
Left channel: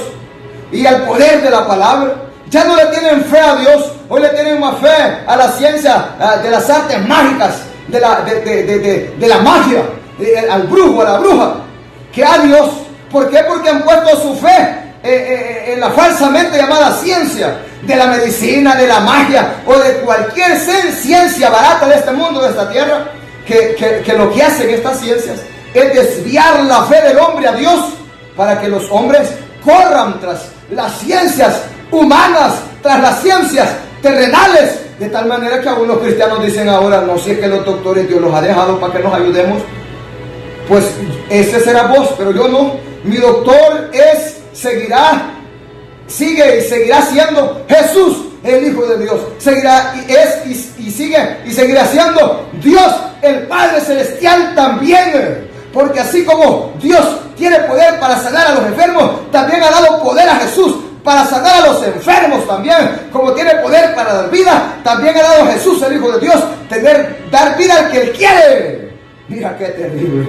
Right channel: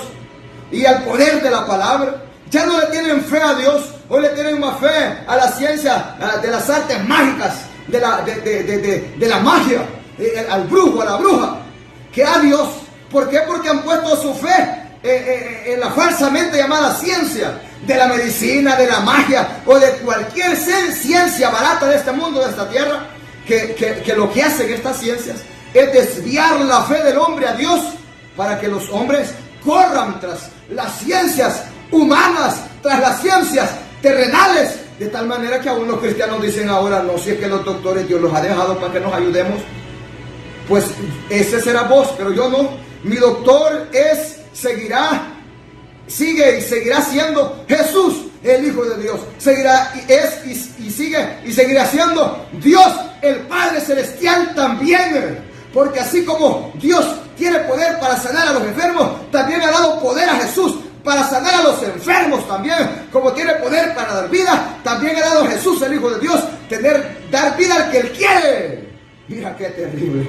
y al poder de la palabra. Ya no le tienen fe a Dios, hoy le tienen más fe a la ciencia de las artes mágicas, de la magia, al brujo, a la bruja, que a Dios. ¿Por qué? Porque han puesto su fe en la falsamente llamada ciencia de la medicina, de la magia o de cualquier ciencia barata de este mundo, de esta tierra, que lo que hacen estas ciencias es desviar la fe del hombre a Dios para que los hombres corran tras las ciencias humanas, tras las ciencias terrenales, de tal manera que algunos cristianos dicen ahora, no sé, que los doctores Dios los ha dejado para que nos ayudemos. Pues ese será vos, pero yo no. Mi doctor sigue y seguirá siendo Jesús, el Hijo de Dios. Seguirá y seguirá siendo Dios, el Padre Celestial también. Porque así como Dios tiene poder para sanar a los enfermos, también ha dado poder a Jesús para sanar a los enfermos también. Como tiene poder para dar vida, también ha dado a Jesús, el Hijo de Dios, dar vida al que Él quiere. Mira qué terrible.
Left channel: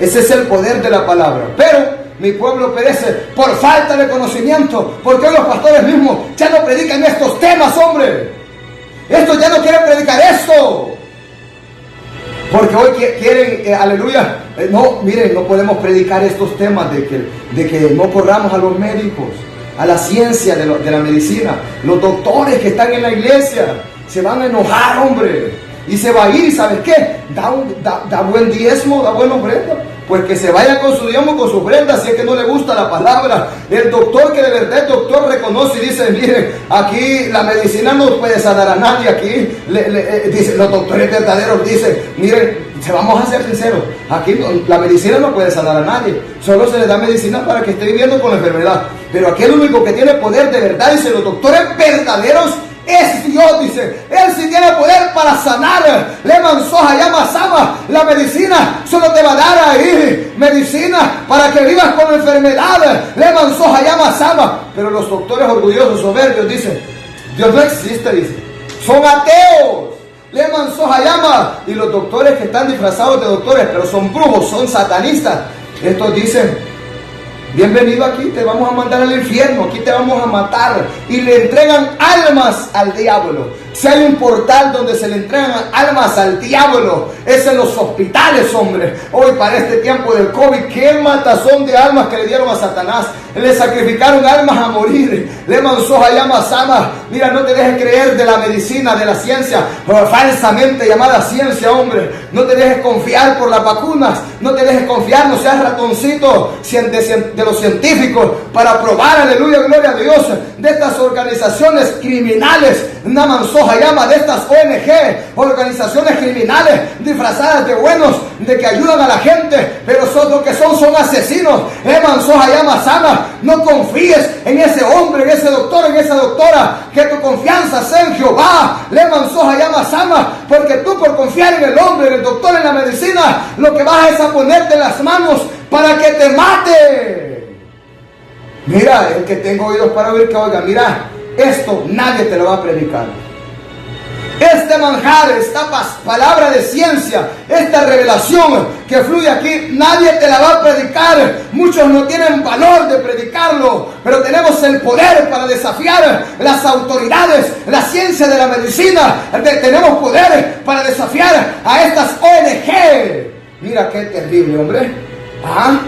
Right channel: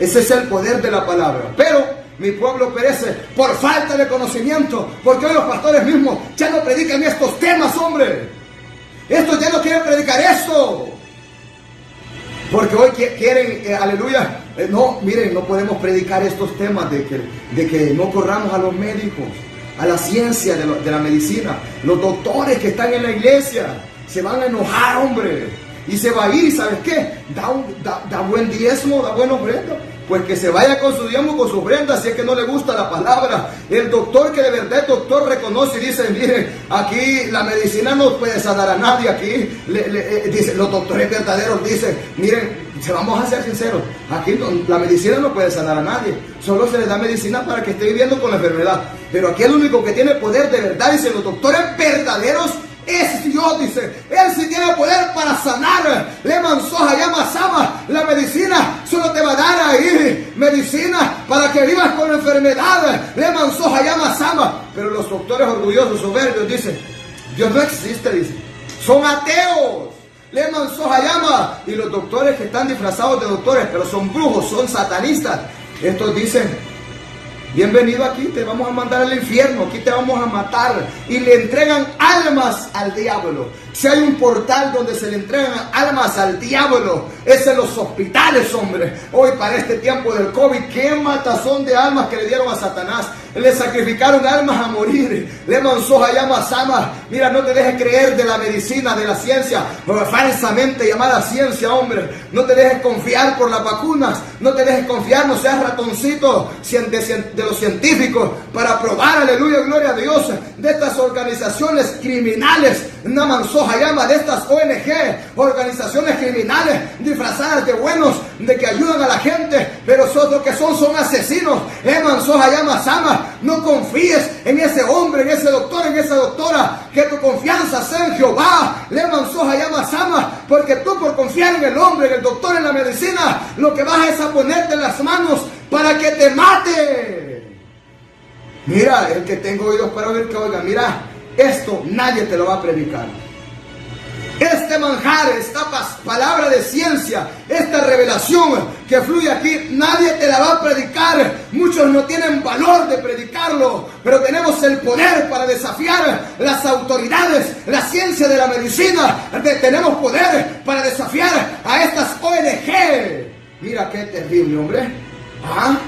Ese es el poder de la palabra. Pero mi pueblo perece por falta de conocimiento, porque hoy los pastores mismos ya no predican estos temas, hombre. Estos ya no quieren predicar esto, porque hoy quieren, aleluya, no, miren, no podemos predicar estos temas de que no corramos a los médicos, a la ciencia de la medicina. Los doctores que están en la iglesia se van a enojar, hombre, y se va a ir. ¿Sabes qué? Da buen diezmo, da buena ofrenda. Pues que se vaya con su diezmo, con su ofrenda, si es que no le gusta la palabra. El doctor que de verdad el doctor reconoce y dice, miren, aquí la medicina no puede sanar a nadie. Aquí dice, los doctores verdaderos dicen, miren, vamos a ser sinceros, aquí la medicina no puede sanar a nadie, solo se le da medicina para que esté viviendo con la enfermedad. Pero aquí el único que tiene poder de verdad, dicen los doctores verdaderos, es Dios, dice. Él sí tiene poder para sanar. Le mansoja, llama sama. La medicina solo te va a dar ahí medicina para que vivas con la enfermedad. Le mansoja, llama sama. Pero los doctores orgullosos, soberbios, dicen, Dios no existe, dice. Son ateos. Le mansoja, llama. Y los doctores que están disfrazados de doctores, pero son brujos, son satanistas. Estos dicen, Bienvenido aquí, te vamos a mandar al infierno, aquí te vamos a matar. Y le entregan almas al diablo. Si hay un portal donde se le entregan almas al diablo, es en los hospitales, hombre. Hoy para este tiempo del COVID, qué matazón de almas que le dieron a Satanás. Le sacrificaron almas a morir. Le manzó llama sama. Mira, no te dejes creer de la medicina, de la ciencia, falsamente llamada ciencia, hombre. No te dejes confiar por las vacunas. No te dejes confiar, no seas ratoncito de los científicos para probar, aleluya, gloria a Dios, de estas organizaciones criminales. Namansoja llama de estas ONG, organizaciones criminales disfrazadas de buenos, de que ayudan a la gente, pero son lo que son asesinos. Mansoja llama sama. No confíes en ese hombre, en ese doctor, en esa doctora, que tu confianza sea en Jehová. Le mansoja llama sama, porque tú por confiar en el hombre, en el doctor, en la medicina, lo que vas es a ponerte en las manos para que te mate. Mira, el que tenga oídos para oír, que oiga. Mira, esto nadie te lo va a predicar. Este manjar, esta palabra de ciencia, esta revelación que fluye aquí, nadie te la va a predicar. Muchos no tienen valor de predicarlo, pero tenemos el poder para desafiar las autoridades, la ciencia de la medicina. Tenemos poder para desafiar a estas ONG. Mira qué terrible, hombre. ¿Ah?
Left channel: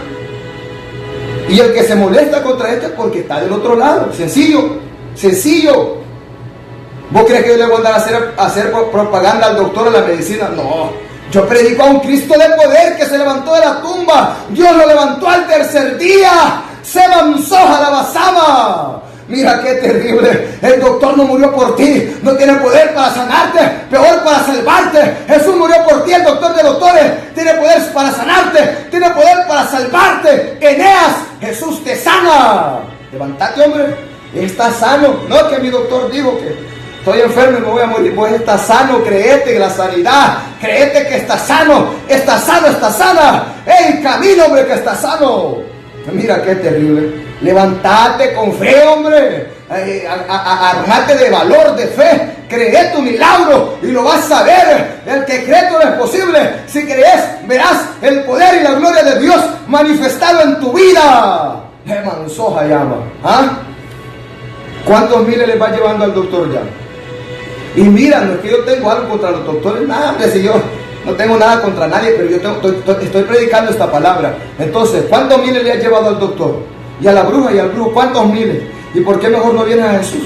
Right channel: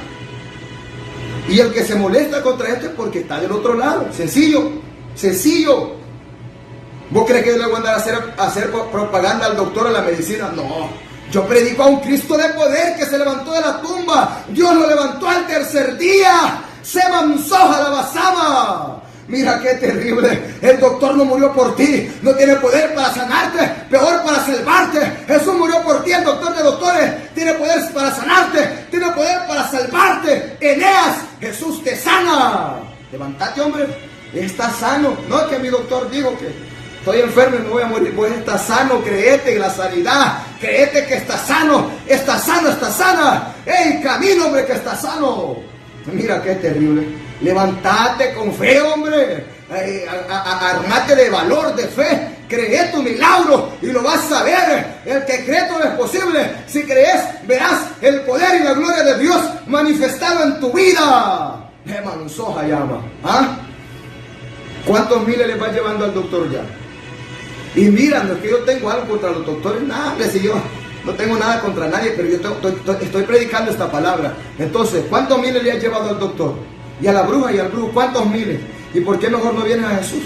Y el que se molesta contra este es porque está del otro lado. Sencillo, sencillo. ¿Vos crees que yo le voy a andar a hacer propaganda al doctor en la medicina? No. Yo predico a un Cristo de poder que se levantó de la tumba. Dios lo levantó al tercer día. Se mansoja la basama. Mira qué terrible. El doctor no murió por ti. No tiene poder para sanarte. Peor para salvarte. Jesús murió por ti. El doctor de doctores tiene poder para sanarte. Tiene poder para salvarte. Eneas, Jesús te sana. Levántate, hombre. Estás sano. No que mi doctor dijo que estoy enfermo y me voy a morir. Vos estás sano, créete en la sanidad. Créete que estás sano. Estás sano, estás sana. ¡Ey, camino, hombre, que estás sano! Mira qué terrible. Levántate con fe, hombre. Armate de valor, de fe. Cree tu milagro y lo vas a ver. El que cree todo es posible. Si crees, verás el poder y la gloria de Dios manifestado en tu vida. Mansoja llama. ¿Ah? ¿Cuántos miles les va llevando al doctor ya? Y mira, no es que yo tengo algo contra los doctores, nada, hombre, si yo no tengo nada contra nadie, pero yo estoy predicando esta palabra. Entonces, ¿cuántos miles le has llevado al doctor? Y a la bruja y al brujo, ¿cuántos miles? ¿Y por qué mejor no vienes a Jesús?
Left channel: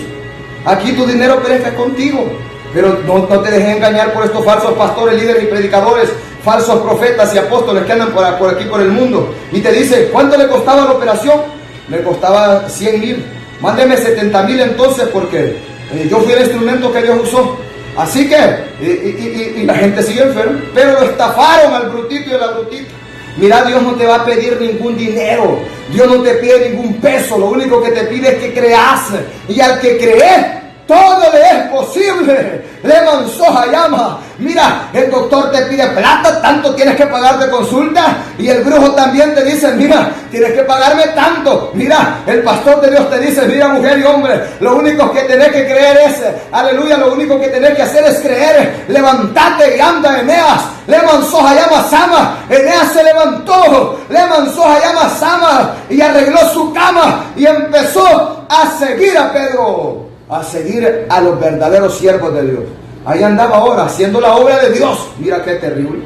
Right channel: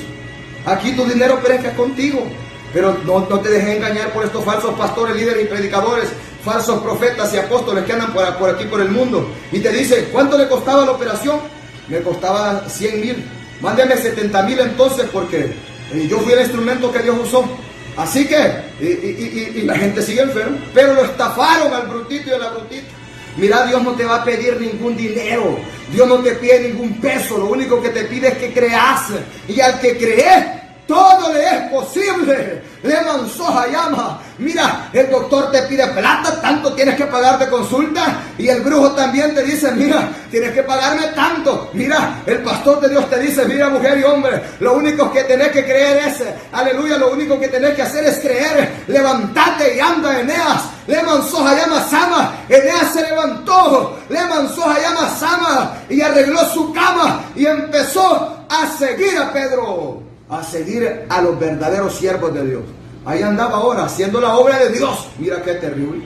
Aquí tu dinero perezca contigo, pero no te dejes engañar por estos falsos pastores, líderes y predicadores, falsos profetas y apóstoles que andan por aquí por el mundo. Y te dice, ¿cuánto le costaba la operación? Me costaba 100,000. Mándeme 70,000 entonces, porque yo fui el instrumento que Dios usó. Así que, y la gente sigue enferma, pero lo estafaron al brutito y a la brutita. Mira, Dios no te va a pedir ningún dinero, Dios no te pide ningún peso, lo único que te pide es que creas, y al que cree, todo le es posible. Le mansoja llama. Mira, el doctor te pide plata, tanto tienes que pagar de consulta. Y el brujo también te dice, mira, tienes que pagarme tanto. Mira, el pastor de Dios te dice, mira, mujer y hombre, lo único que tenés que creer es, aleluya, lo único que tenés que hacer es creer. Levántate y anda, Eneas. Le mansoja llama sama. Eneas se levantó. Le mansoja llama sama. Y arregló su cama. Y empezó a seguir a Pedro. A seguir a los verdaderos siervos de Dios. Ahí andaba ahora haciendo la obra de Dios. Mira qué terrible.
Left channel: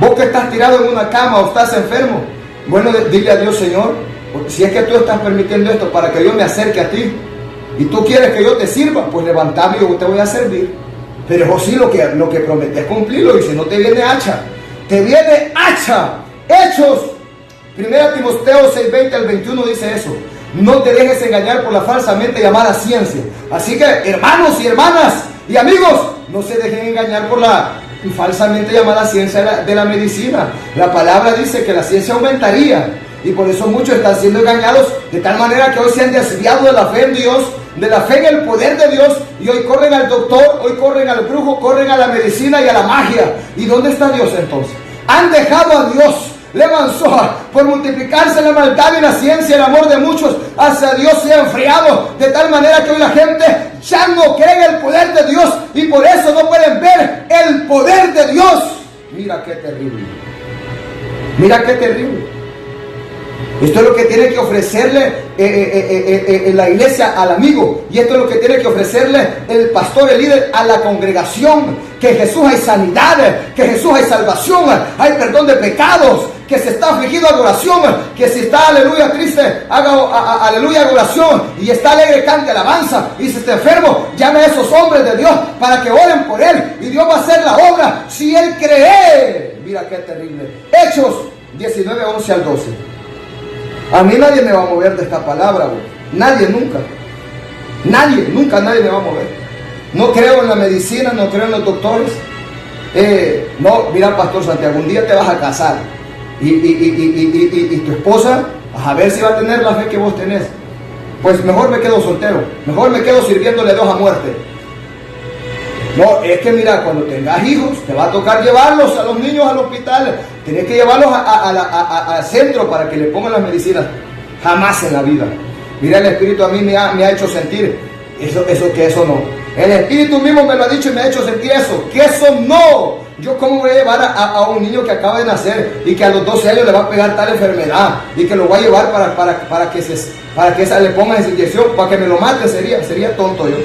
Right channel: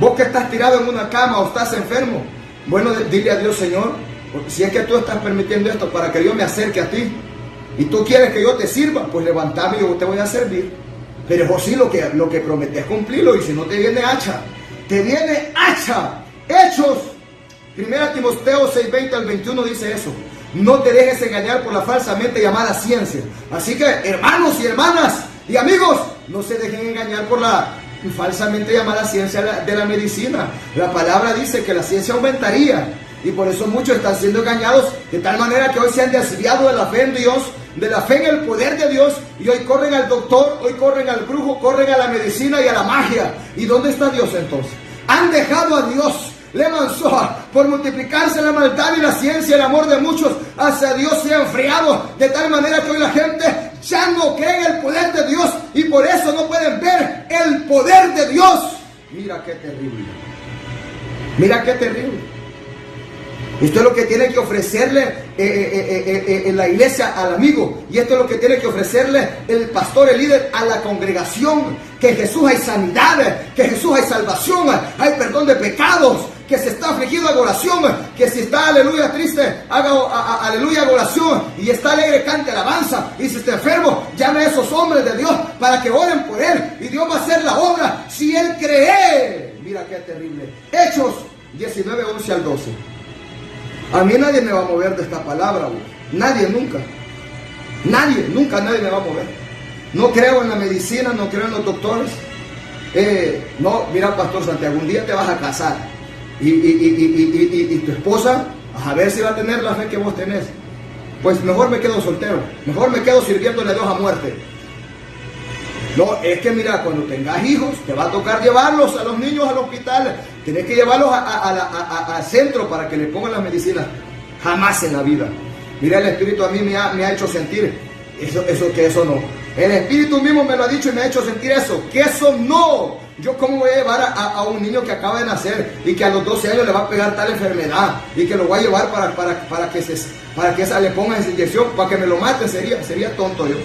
Vos que estás tirado en una cama o estás enfermo, bueno, dile a Dios, Señor, si es que tú estás permitiendo esto para que yo me acerque a ti y tú quieres que yo te sirva, pues levantame y yo te voy a servir. Pero José, lo que prometes cumplirlo, y si no te viene hacha, te viene hacha. Hechos 1 Timoteo 6:20 al 21 dice eso. No te dejes engañar por la falsamente llamada ciencia. Así que, hermanos y hermanas y amigos, no se dejen engañar por la falsamente llamada ciencia de la medicina. La palabra dice que la ciencia aumentaría, y por eso muchos están siendo engañados de tal manera que hoy se han desviado de la fe en Dios, de la fe en el poder de Dios, y hoy corren al doctor, hoy corren al brujo, corren a la medicina y a la magia. ¿Y dónde está Dios entonces? Han dejado a Dios. Le mansoja por multiplicarse la maldad y la ciencia, el amor de muchos hacia Dios se ha enfriado, de tal manera que hoy la gente ya no cree en el poder de Dios, y por eso no pueden ver el poder de Dios. Mira qué terrible. Mira qué terrible. Esto es lo que tiene que ofrecerle la iglesia al amigo. Y esto es lo que tiene que ofrecerle el pastor, el líder, a la congregación. Que en Jesús hay sanidad, que en Jesús hay salvación, hay perdón de pecados, que si está afligido, adoración, que si está, aleluya, triste, haga aleluya, adoración, y está alegre, cante alabanza, y si está enfermo, llame a esos hombres de Dios para que oren por él, y Dios va a hacer la obra si él cree. Mira qué terrible. Hechos 19, 11 al 12. A mí nadie me va a mover de esta palabra, güey. Nadie, nunca. Nadie me va a mover. No creo en la medicina, no creo en los doctores. No, mira, Pastor Santiago, un día te vas a casar y tu esposa, a ver si va a tener la fe que vos tenés. Pues mejor me quedo soltero, mejor me quedo sirviéndole a Dios a muerte. No, es que mira, cuando tengas hijos, te va a tocar llevarlos a los niños al hospital. Tienes que llevarlos al centro para que le pongan las medicinas. Jamás en la vida. Mira, el Espíritu a mí me ha hecho sentir eso no. El Espíritu mismo me lo ha dicho y me ha hecho sentir eso. Que eso no. Yo cómo voy a llevar a un niño que acaba de nacer y que a los 12 años le va a pegar tal enfermedad y que lo voy a llevar para que le pongan esa inyección, para que me lo mate, sería tonto yo.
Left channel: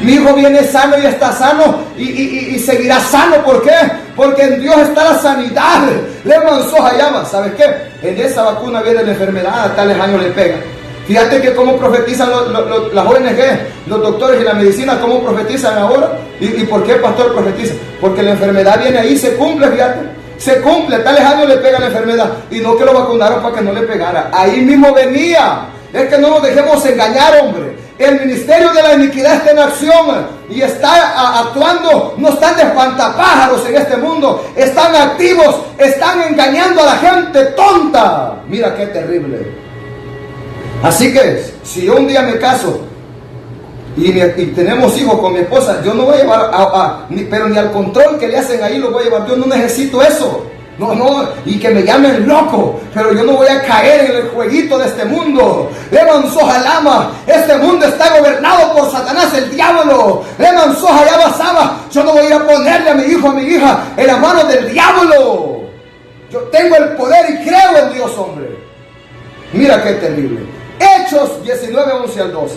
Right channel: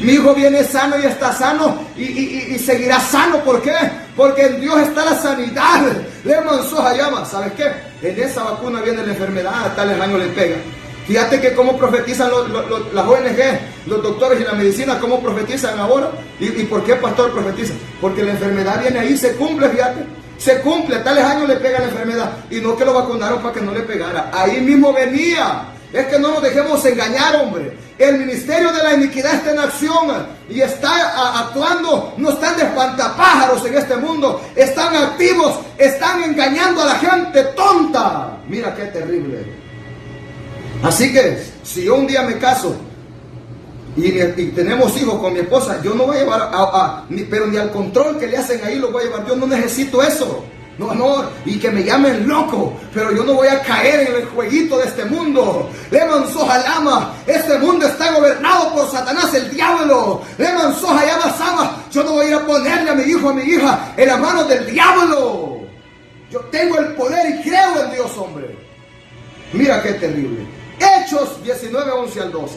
Mi hijo viene sano y está sano y seguirá sano. ¿Por qué? Porque en Dios está la sanidad. Le manzó Hayama. ¿Sabes qué? En esa vacuna viene la enfermedad, a tales años le pega. Fíjate que cómo profetizan las ONG, los doctores y la medicina, cómo profetizan ahora. ¿Y por qué, pastor, profetiza? Porque la enfermedad viene ahí, se cumple, fíjate. Se cumple, a tales años le pega la enfermedad. Y no que lo vacunaron para que no le pegara. Ahí mismo venía. Es que no nos dejemos engañar, hombre. El ministerio de la iniquidad está en acción y está actuando. No están de espantapájaros en este mundo. Están activos, están engañando a la gente tonta. Mira qué terrible. Así que si yo un día me caso y tenemos hijos con mi esposa, yo no voy a llevar pero ni al control que le hacen ahí lo voy a llevar. Yo no necesito eso. No, y que me llamen loco, pero yo no voy a caer en el jueguito de este mundo. Leman Sojalama, este mundo está gobernado por Satanás, el diablo. Leman Sojalama Sama, yo no voy a ir a ponerle a mi hijo, a mi hija en las manos del diablo. Yo tengo el poder y creo en Dios, hombre. Mira qué terrible. Hechos 19, 11 al 12.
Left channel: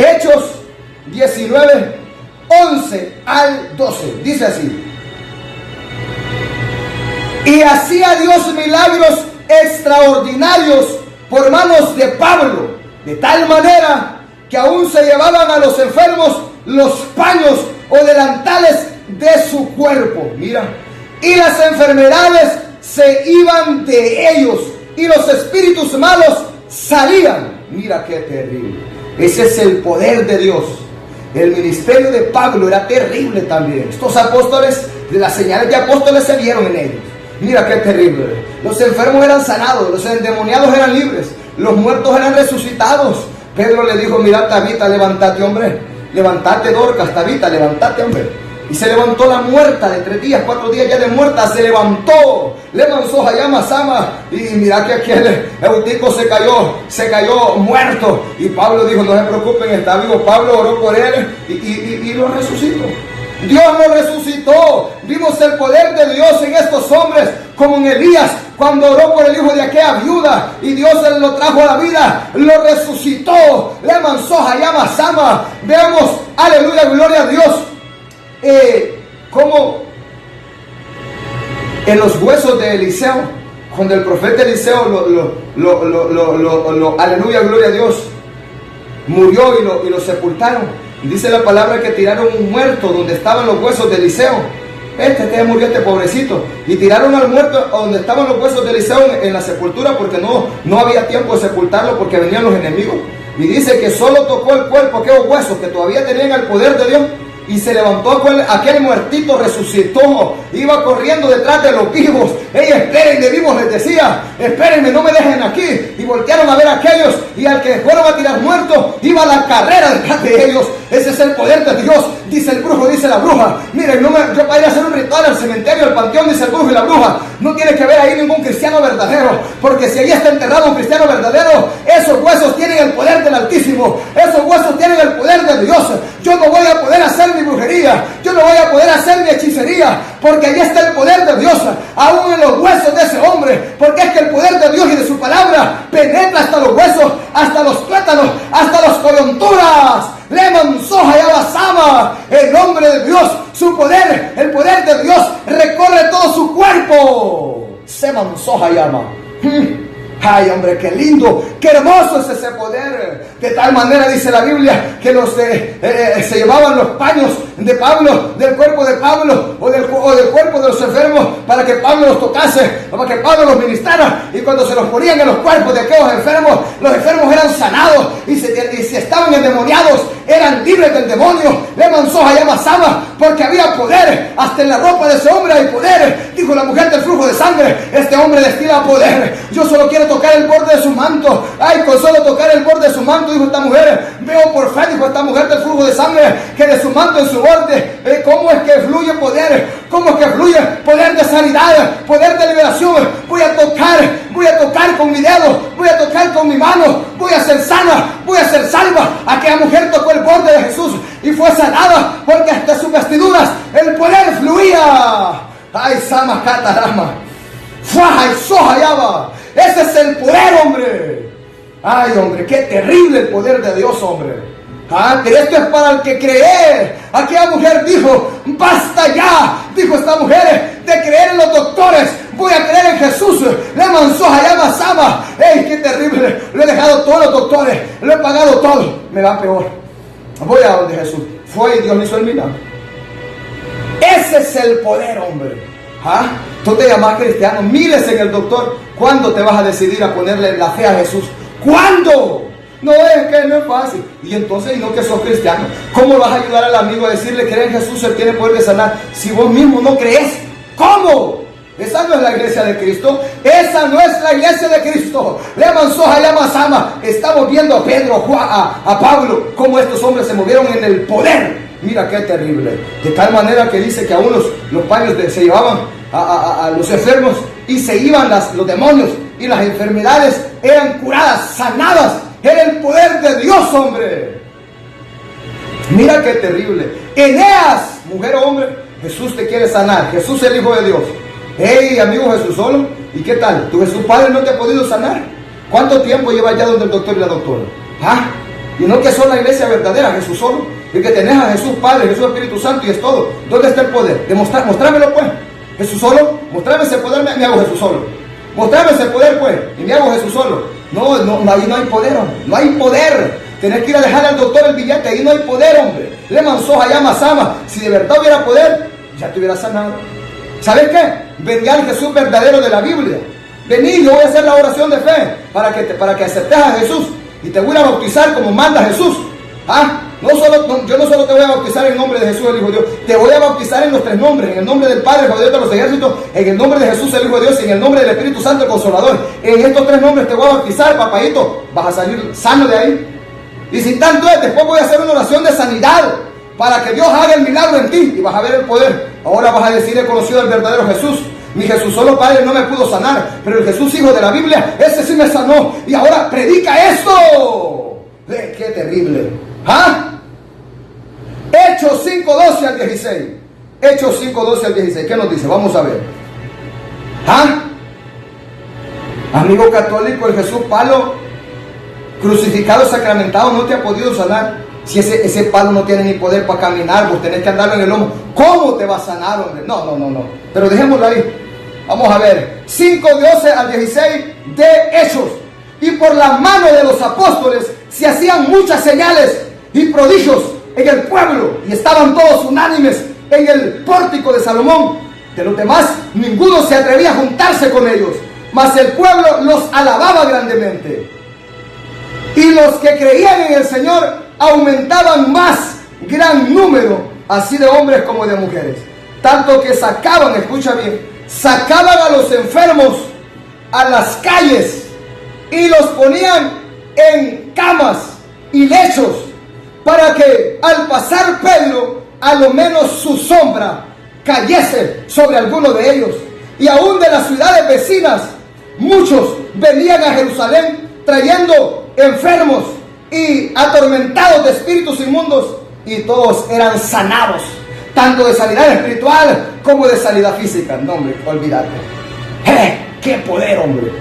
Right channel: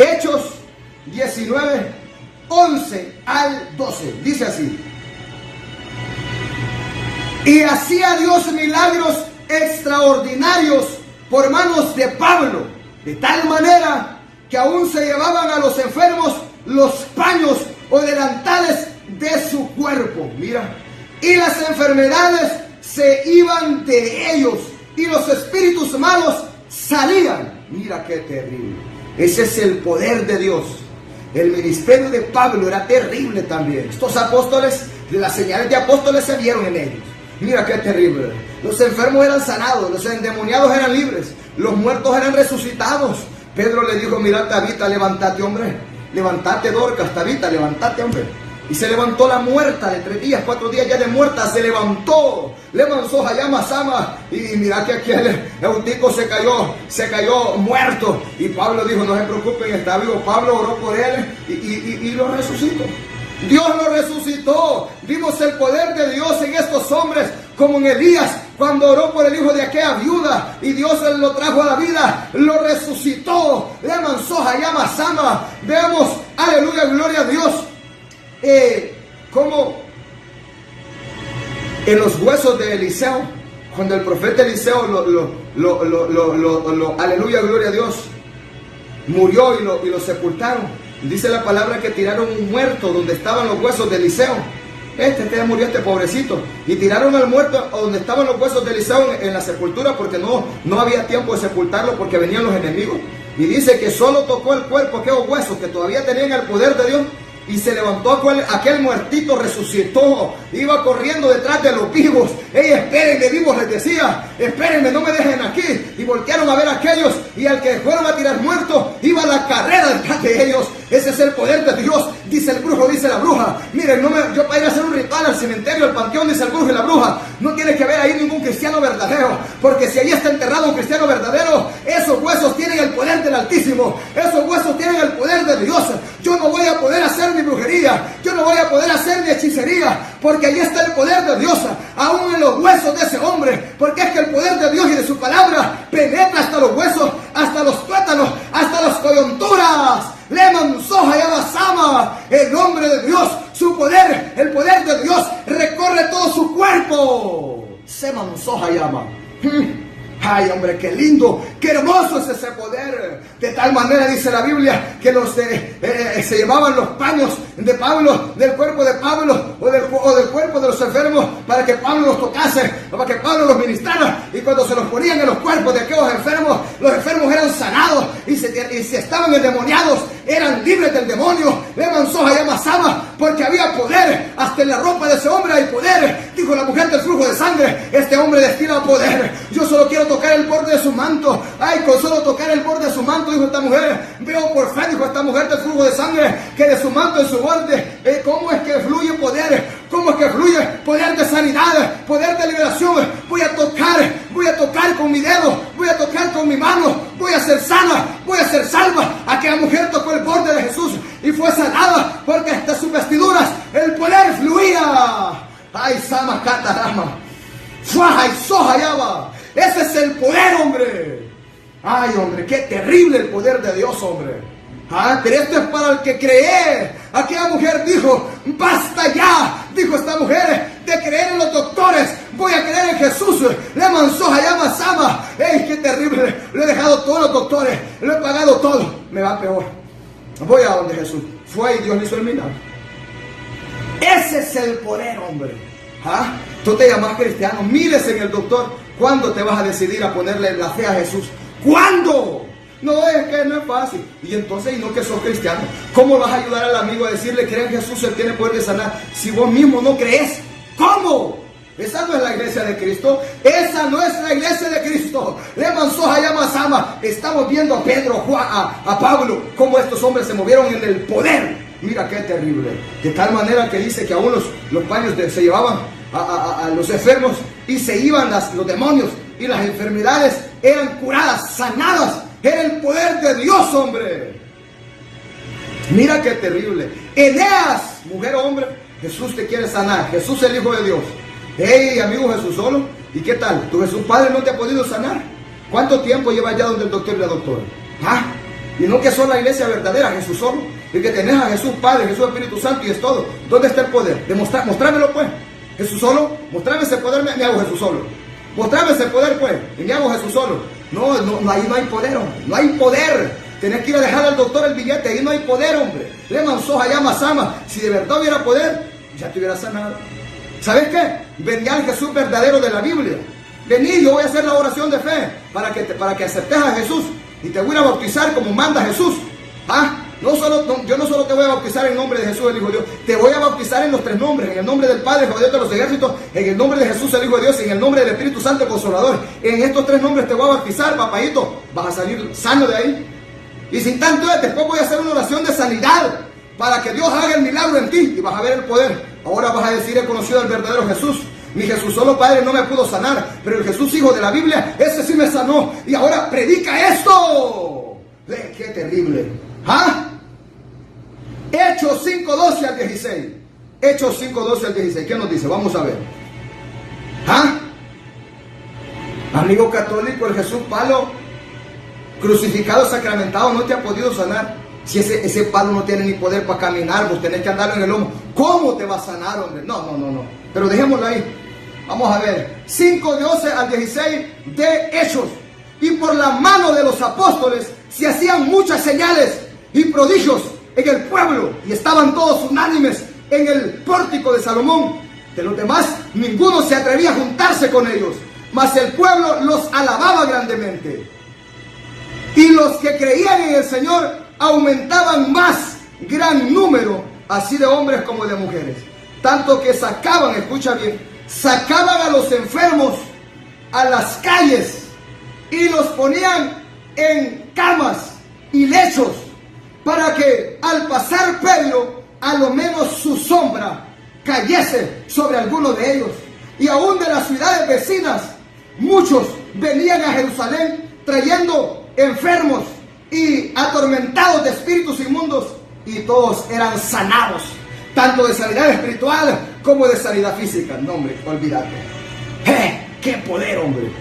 Hechos 19, 11 al 12. Dice así. Y hacía Dios milagros extraordinarios por manos de Pablo, de tal manera que aún se llevaban a los enfermos los paños o delantales de su cuerpo. Mira, y las enfermedades se iban de ellos y los espíritus malos salían. Mira qué terrible. Ese es el poder de Dios. El ministerio de Pablo era terrible también. Estos apóstoles, las señales de apóstoles se vieron en ellos. Mira qué terrible. Los enfermos eran sanados, los endemoniados eran libres, los muertos eran resucitados. Pedro le dijo, mira, Tabita, levántate, hombre. Levántate, Dorcas, Tabita, levántate, hombre. Y se levantó la muerta de 3 días, 4 días ya de muerta, se levantó. Levantó Hayama Sama. Y mira que aquí el Eutico se cayó muerto. Y Pablo dijo, no se preocupen, está vivo. Pablo oró por él y lo resucitó. Dios lo resucitó. Vimos el poder de Dios en estos hombres, como en Elías, cuando oró por el hijo de aquella viuda y Dios lo trajo a la vida, lo resucitó. Le manzó Hayama Sama. Veamos, aleluya, gloria a Dios. Como en los huesos de Eliseo, cuando el profeta Eliseo aleluya, gloria a Dios, murió y lo sepultaron. Dice la palabra que tiraron un muerto donde estaban los huesos de Eliseo. Murió este pobrecito. Y tiraron al muerto donde estaban los huesos de Eliseo en la sepultura, porque no había tiempo de sepultarlo porque venían los enemigos. Y dice que solo tocó el cuerpo, aquellos huesos que todavía tenían el poder de Dios. Y se levantó aquel muertito, resucitó, iba corriendo detrás de los vivos. Espérenme, vivos, les decía, espérenme, no me dejen aquí. Y voltearon a ver a aquellos, y al que fueron a tirar muerto, iba a la carrera detrás de ellos. Ese es el poder de Dios, dice el brujo, dice la bruja. Miren, yo para ir a hacer un ritual al cementerio, al panteón, dice el brujo y la bruja, no tiene que haber ahí ningún cristiano verdadero, porque si ahí está enterrado un cristiano verdadero, esos huesos tienen el poder del Altísimo, esos huesos tienen el poder de Dios. Yo no voy a poder hacer mi brujería, yo no voy a poder hacer mi hechicería, porque ahí está el poder de Dios, aún en los huesos de ese hombre, porque es que el poder de Dios y de su palabra penetra hasta los huesos, hasta los tuétanos, hasta las coyunturas. Leman soja y abasama, el nombre de Dios, su poder, el poder de Dios recorre todo su cuerpo. Seman soja y ama. Ay, hombre, qué lindo, qué hermoso es ese poder. De tal manera dice la Biblia que se llevaban los paños de Pablo, del cuerpo de Pablo o del cuerpo de los enfermos, para que Pablo los tocase, para que Pablo los ministrara. Y cuando se los ponían en los cuerpos de aquellos enfermos, los enfermos eran sanados, y si estaban endemoniados, eran libres del demonio. Le mansoja y amasaba, porque había poder. Hasta en la ropa de ese hombre hay poder. Dijo la mujer del flujo de sangre: este hombre destila poder. Yo solo quiero tocar el borde de su manto. Ay, con solo tocar el borde de su manto, dijo esta mujer, veo por fe, dijo esta mujer del flujo de sangre, que de su manto en su borde, ¿cómo es que fluye poder? ¿Cómo es que fluye poder de sanidad, poder de liberación? Voy a tocar con mi dedo, voy a tocar con mi mano, voy a ser sana, voy a ser salva. Aquella mujer tocó el borde de Jesús y fue sanada, porque hasta sus vestiduras el poder fluía. Ay, sama catarama, faja y soja yaba. Ese es el poder, hombre. Ay, hombre, qué terrible el poder de Dios, hombre. Pero esto es para el que cree. Aquella mujer dijo: basta ya, dijo esta mujer, de creer en los doctores. Voy a creer en Jesús. Le mansoja y amasama. ¡Ey, qué terrible! Le he dejado todos los doctores, le he pagado todo. Me va peor. Voy a donde Jesús. Fue y Dios me hizo el milagro. Ese es el poder, hombre. Tú te llamas cristiano, mires en el doctor. ¿Cuándo te vas a decidir a ponerle la fe a Jesús? ¿Cuándo? No, es que no es fácil. Y entonces, y no que sos cristiano, ¿cómo vas a ayudar al amigo a decirle: cree en Jesús, Él tiene poder de sanar, si vos mismo no crees? ¿Cómo? Esa no es la iglesia de Cristo. Esa no es la iglesia de Cristo. Le mansoja y amasama. Estamos viendo a Pedro, Juan, a Pablo, cómo estos hombres se movieron en el poder. Mira qué terrible. De tal manera que dice que aún los paños se llevaban a los enfermos, y se iban los demonios, y las enfermedades eran curadas, sanadas. Era el poder de Dios, hombre. Mira qué terrible. Eneas, mujer o hombre, Jesús te quiere sanar. Jesús es el Hijo de Dios. Hey, amigo, Jesús solo. ¿Y qué tal? ¿Tu Jesús Padre no te ha podido sanar? ¿Cuánto tiempo llevas ya donde el doctor y la doctora? Y no que son la iglesia verdadera, Jesús solo. Y que tenés a Jesús Padre, Jesús Espíritu Santo, y es todo. ¿Dónde está el poder? Mostrámelo, pues. Jesús solo. Mostrame ese poder, me hago Jesús solo. Mostrame ese poder, pues, y me hago Jesús solo. No, ahí no hay poder, hombre. No hay poder. Tenés que ir a dejar al doctor el billete. Ahí no hay poder, hombre. Le mansoja ya masama. Si de verdad hubiera poder, ya te hubiera sanado. ¿Sabes qué? Venía al Jesús verdadero de la Biblia. Vení, yo voy a hacer la oración de fe para que aceptes a Jesús, y te voy a bautizar como manda Jesús. Yo no solo te voy a bautizar en el nombre de Jesús, el Hijo de Dios, te voy a bautizar en los tres nombres: en el nombre del Padre, el Hijo de Dios de los ejércitos, en el nombre de Jesús, el Hijo de Dios, y en el nombre del Espíritu Santo, el Consolador. En estos tres nombres te voy a bautizar, papayito. Vas a salir sano de ahí. Y sin tanto es, después voy a hacer una oración de sanidad para que Dios haga el milagro en ti, y vas a ver el poder. Ahora vas a decir: he conocido al verdadero Jesús. Mi Jesús solo Padre no me pudo sanar, pero el Jesús Hijo de la Biblia, ese sí me sanó, y ahora predica esto. Qué terrible. Hechos 5:12 al 16. Hechos 5:12 al 16. ¿Qué nos dice? Vamos a ver. Amigo católico, el Jesús palo, crucificado, sacramentado, no te ha podido sanar. Si ese palo no tiene ni poder para caminar, vos tenés que andarlo en el lomo. ¿Cómo te va a sanar, hombre? No. Pero dejémoslo ahí. Vamos a ver. 5:12 al 16 de Hechos. Y por la mano de los apóstoles se hacían muchas señales y prodigios en el pueblo, y estaban todos unánimes en el pórtico de Salomón. De los demás, ninguno se atrevía a juntarse con ellos, mas el pueblo los alababa grandemente. Y los que creían en el Señor aumentaban más gran número, así de hombres como de mujeres. Tanto que sacaban, escucha bien, sacaban a los enfermos a las calles y los ponían en camas y lechos, para que al pasar Pedro, a lo menos su sombra cayese sobre alguno de ellos. Y aún de las ciudades vecinas, muchos venían a Jerusalén trayendo enfermos y atormentados de espíritus inmundos, y todos eran sanados, tanto de sanidad espiritual como de sanidad física. No, hombre, olvídate. ¡Qué poder, hombre!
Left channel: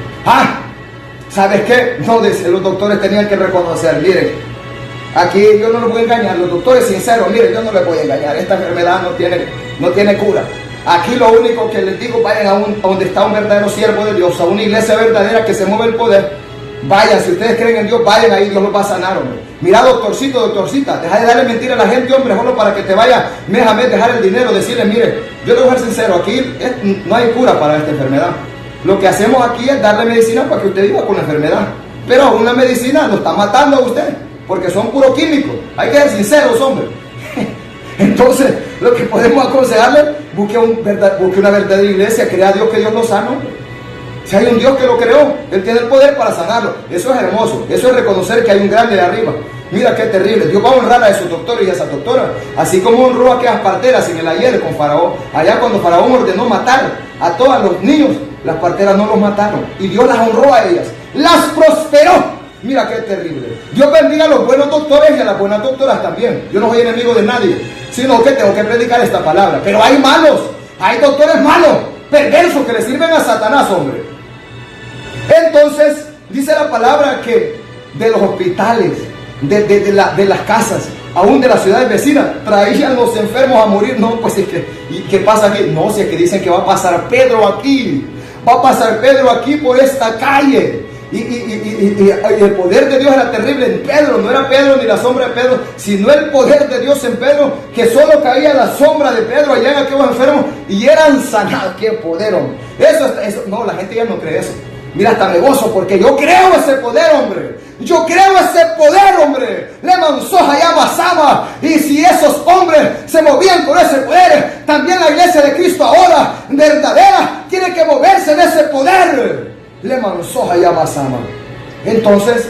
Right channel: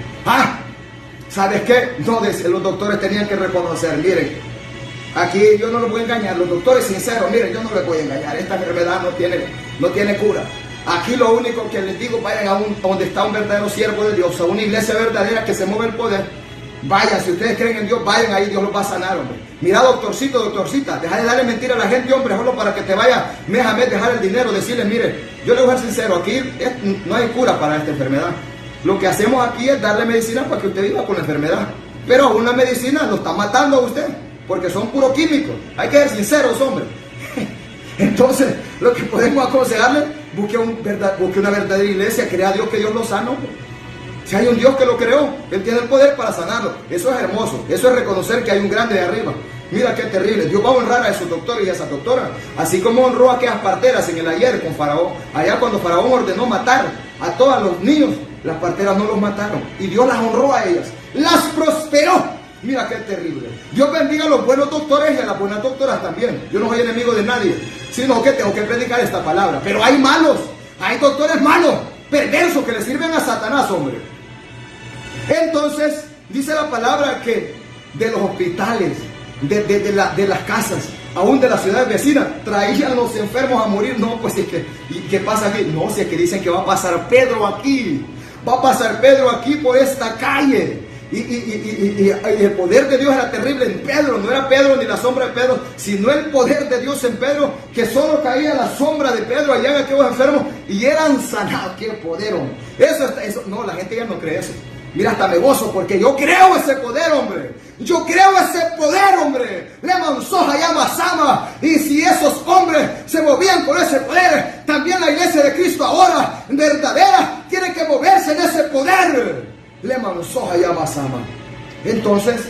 ¿Sabes qué? No, los doctores tenían que reconocer, miren, aquí yo no los voy a engañar, los doctores sinceros, miren, yo no les voy a engañar, esta enfermedad no tiene cura. Aquí lo único que les digo, vayan a donde está un verdadero siervo de Dios, a una iglesia verdadera que se mueve el poder. Vayan, si ustedes creen en Dios, vayan ahí, Dios los va a sanar, hombre. Mira, doctorcito, doctorcita, deja de darle mentira a la gente, hombre, solo para que te vaya mes a mes, dejar el dinero, decirle, mire, yo le voy a ser sincero, aquí no hay cura para esta enfermedad. Lo que hacemos aquí es darle medicina para que usted viva con la enfermedad. Pero una medicina lo está matando a usted, porque son puros químicos. Hay que ser sinceros, hombre. Entonces, lo que podemos aconsejarle, busque una verdadera iglesia, crea a Dios que Dios lo sana. Si hay un Dios que lo creó, Él tiene el poder para sanarlo. Eso es hermoso, eso es reconocer que hay un grande de arriba. Mira qué terrible, Dios va a honrar a esos doctores y a esas doctoras, así como honró a aquellas parteras en el ayer con Faraón. Allá cuando Faraón ordenó matar a todos los niños, las parteras no los mataron, y Dios las honró a ellas, las prosperó. Mira qué terrible. Dios bendiga a los buenos doctores y a las buenas doctoras también. Yo no soy enemigo de nadie, sino que tengo que predicar esta palabra. Pero hay malos, hay doctores malos, perversos, que le sirven a Satanás, hombre. Entonces, dice la palabra que de los hospitales, de las casas, aún de las ciudades vecinas, traían los enfermos a morir. No, pues es que, ¿y qué pasa aquí? No, si es que dicen que va a pasar Pedro aquí, va a pasar Pedro aquí por esta calle. Y el poder de Dios era terrible en Pedro. No era Pedro ni la sombra de Pedro, sino el poder de Dios en Pedro, que solo caía la sombra de Pedro allá en aquellos enfermos y eran sanados. ¡Qué poder, hombre! Eso, no, la gente ya no cree eso. Mira, hasta me gozo porque yo creo ese poder, hombre. Yo creo ese poder, hombre. Le mansoja ya Basama. Y si esos hombres se movían con ese poder, también la iglesia de Cristo ahora, verdadera, tiene que moverse de ese poder. Le mansoja ya Basama. Entonces,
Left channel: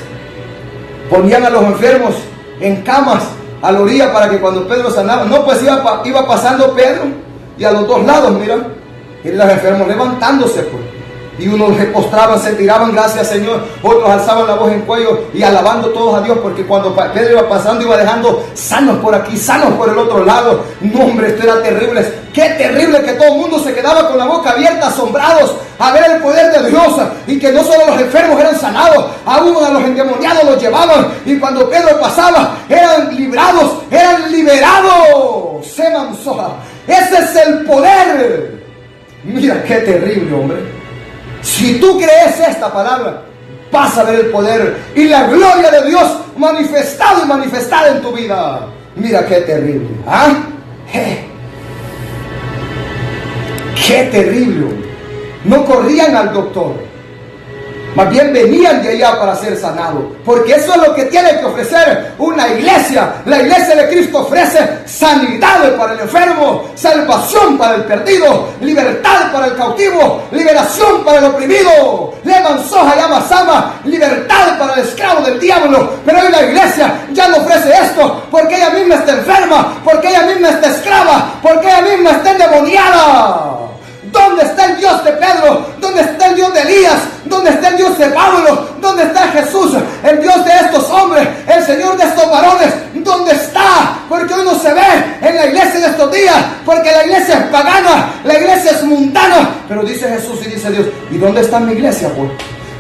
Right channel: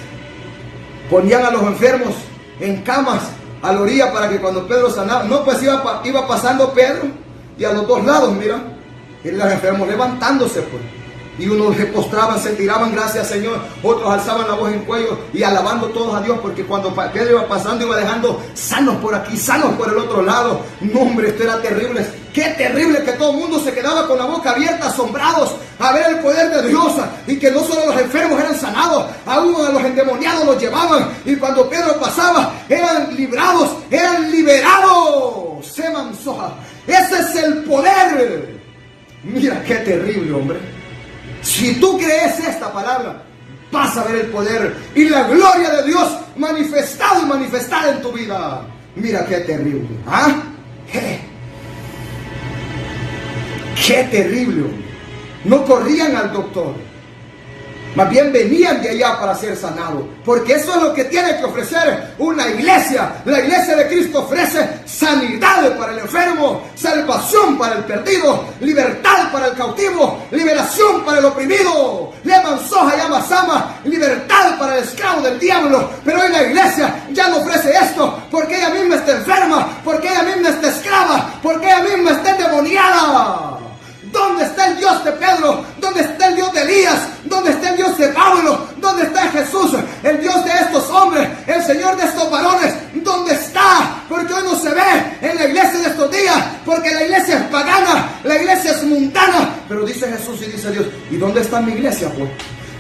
ponían a los enfermos en camas a la orilla para que cuando Pedro sanaba, no, pues iba pasando Pedro y a los dos lados, mira, y los enfermos levantándose, pues. Y unos se postraban, se tiraban, gracias Señor. Otros alzaban la voz en cuello y alabando todos a Dios, porque cuando Pedro iba pasando, iba dejando sanos por aquí, sanos por el otro lado. No, hombre, esto era terrible. Qué terrible que todo el mundo se quedaba con la boca abierta, asombrados a ver el poder de Dios. Y que no solo los enfermos eran sanados, aún a los endemoniados los llevaban. Y cuando Pedro pasaba, eran librados, eran liberados. Se mansoja. Ese es el poder. Mira qué terrible, hombre. Si tú crees esta palabra, vas a ver el poder y la gloria de Dios manifestada y manifestada en tu vida. Mira qué terrible. Qué terrible. No corrían al doctor, más bien venían de allá para ser sanados, porque eso es lo que tiene que ofrecer una iglesia. La iglesia de Cristo ofrece sanidad para el enfermo, salvación para el perdido, libertad para el cautivo, liberación para el oprimido. Le mansoja llama Sama, libertad para el esclavo del diablo. Pero hoy la iglesia ya no ofrece esto, porque ella misma está enferma, porque ella misma está esclava, porque ella misma está endemoniada. ¿Dónde está el Dios de Pedro? ¿Dónde está el Dios de Elías? ¿Dónde está el Dios de Pablo? ¿Dónde está Jesús? El Dios de estos hombres, el Señor de estos varones. ¿Dónde está? Porque hoy no se ve en la iglesia de estos días, porque la iglesia es pagana, la iglesia es mundana. Pero dice Jesús y dice Dios, ¿y dónde está mi iglesia, pues?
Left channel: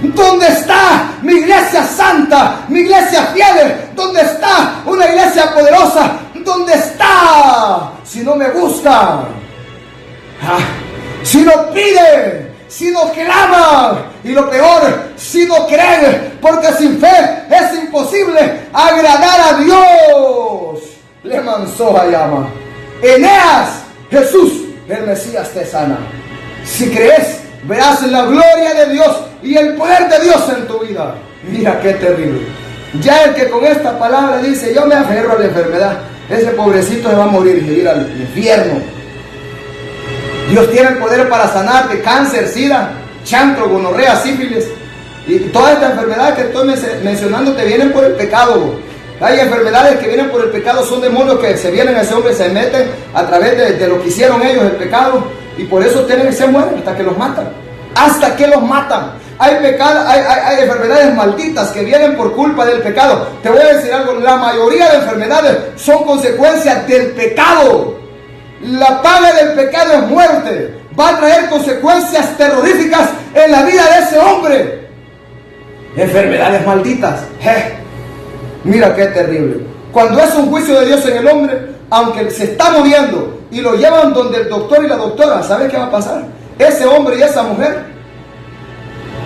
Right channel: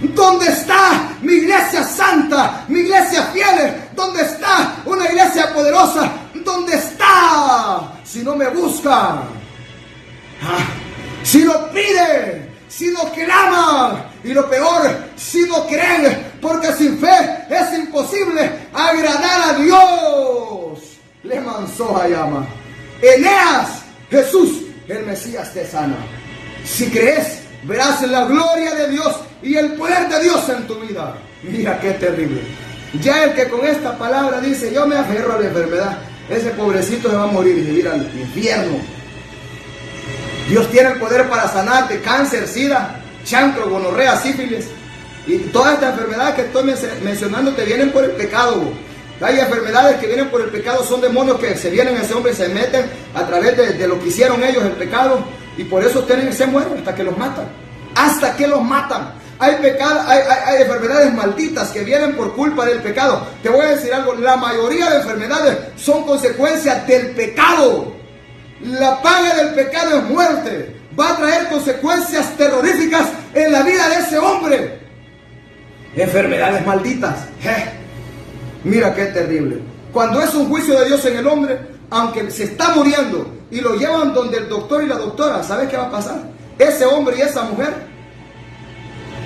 ¿Dónde está mi iglesia santa, mi iglesia fiel? ¿Dónde está una iglesia poderosa? ¿Dónde está? Si no me busca, si no pide, si no clama, y lo peor, si no cree, porque sin fe es imposible agradar a Dios. Le mansoja llama. Eneas, Jesús, el Mesías te sana. Si crees, verás la gloria de Dios y el poder de Dios en tu vida. Mira qué terrible. Ya el que con esta palabra dice, yo me aferro a la enfermedad, ese pobrecito se va a morir y se ir al infierno. Dios tiene el poder para sanarte cáncer, sida, chancro, gonorrea, sífilis. Y toda esta enfermedad que estoy mencionando te vienen por el pecado. Hay enfermedades que vienen por el pecado, son demonios que se vienen a ese hombre, se meten a través de lo que hicieron ellos, el pecado, y por eso tienen que se mueren hasta que los matan. Hasta que los matan. Hay enfermedades malditas que vienen por culpa del pecado. Te voy a decir algo, la mayoría de enfermedades son consecuencias del pecado. La paga del pecado es muerte. Va a traer consecuencias terroríficas en la vida de ese hombre. Enfermedades malditas. Mira qué terrible. Cuando es un juicio de Dios en el hombre, aunque se está muriendo y lo llevan donde el doctor y la doctora, ¿sabes qué va a pasar? Ese hombre y esa mujer,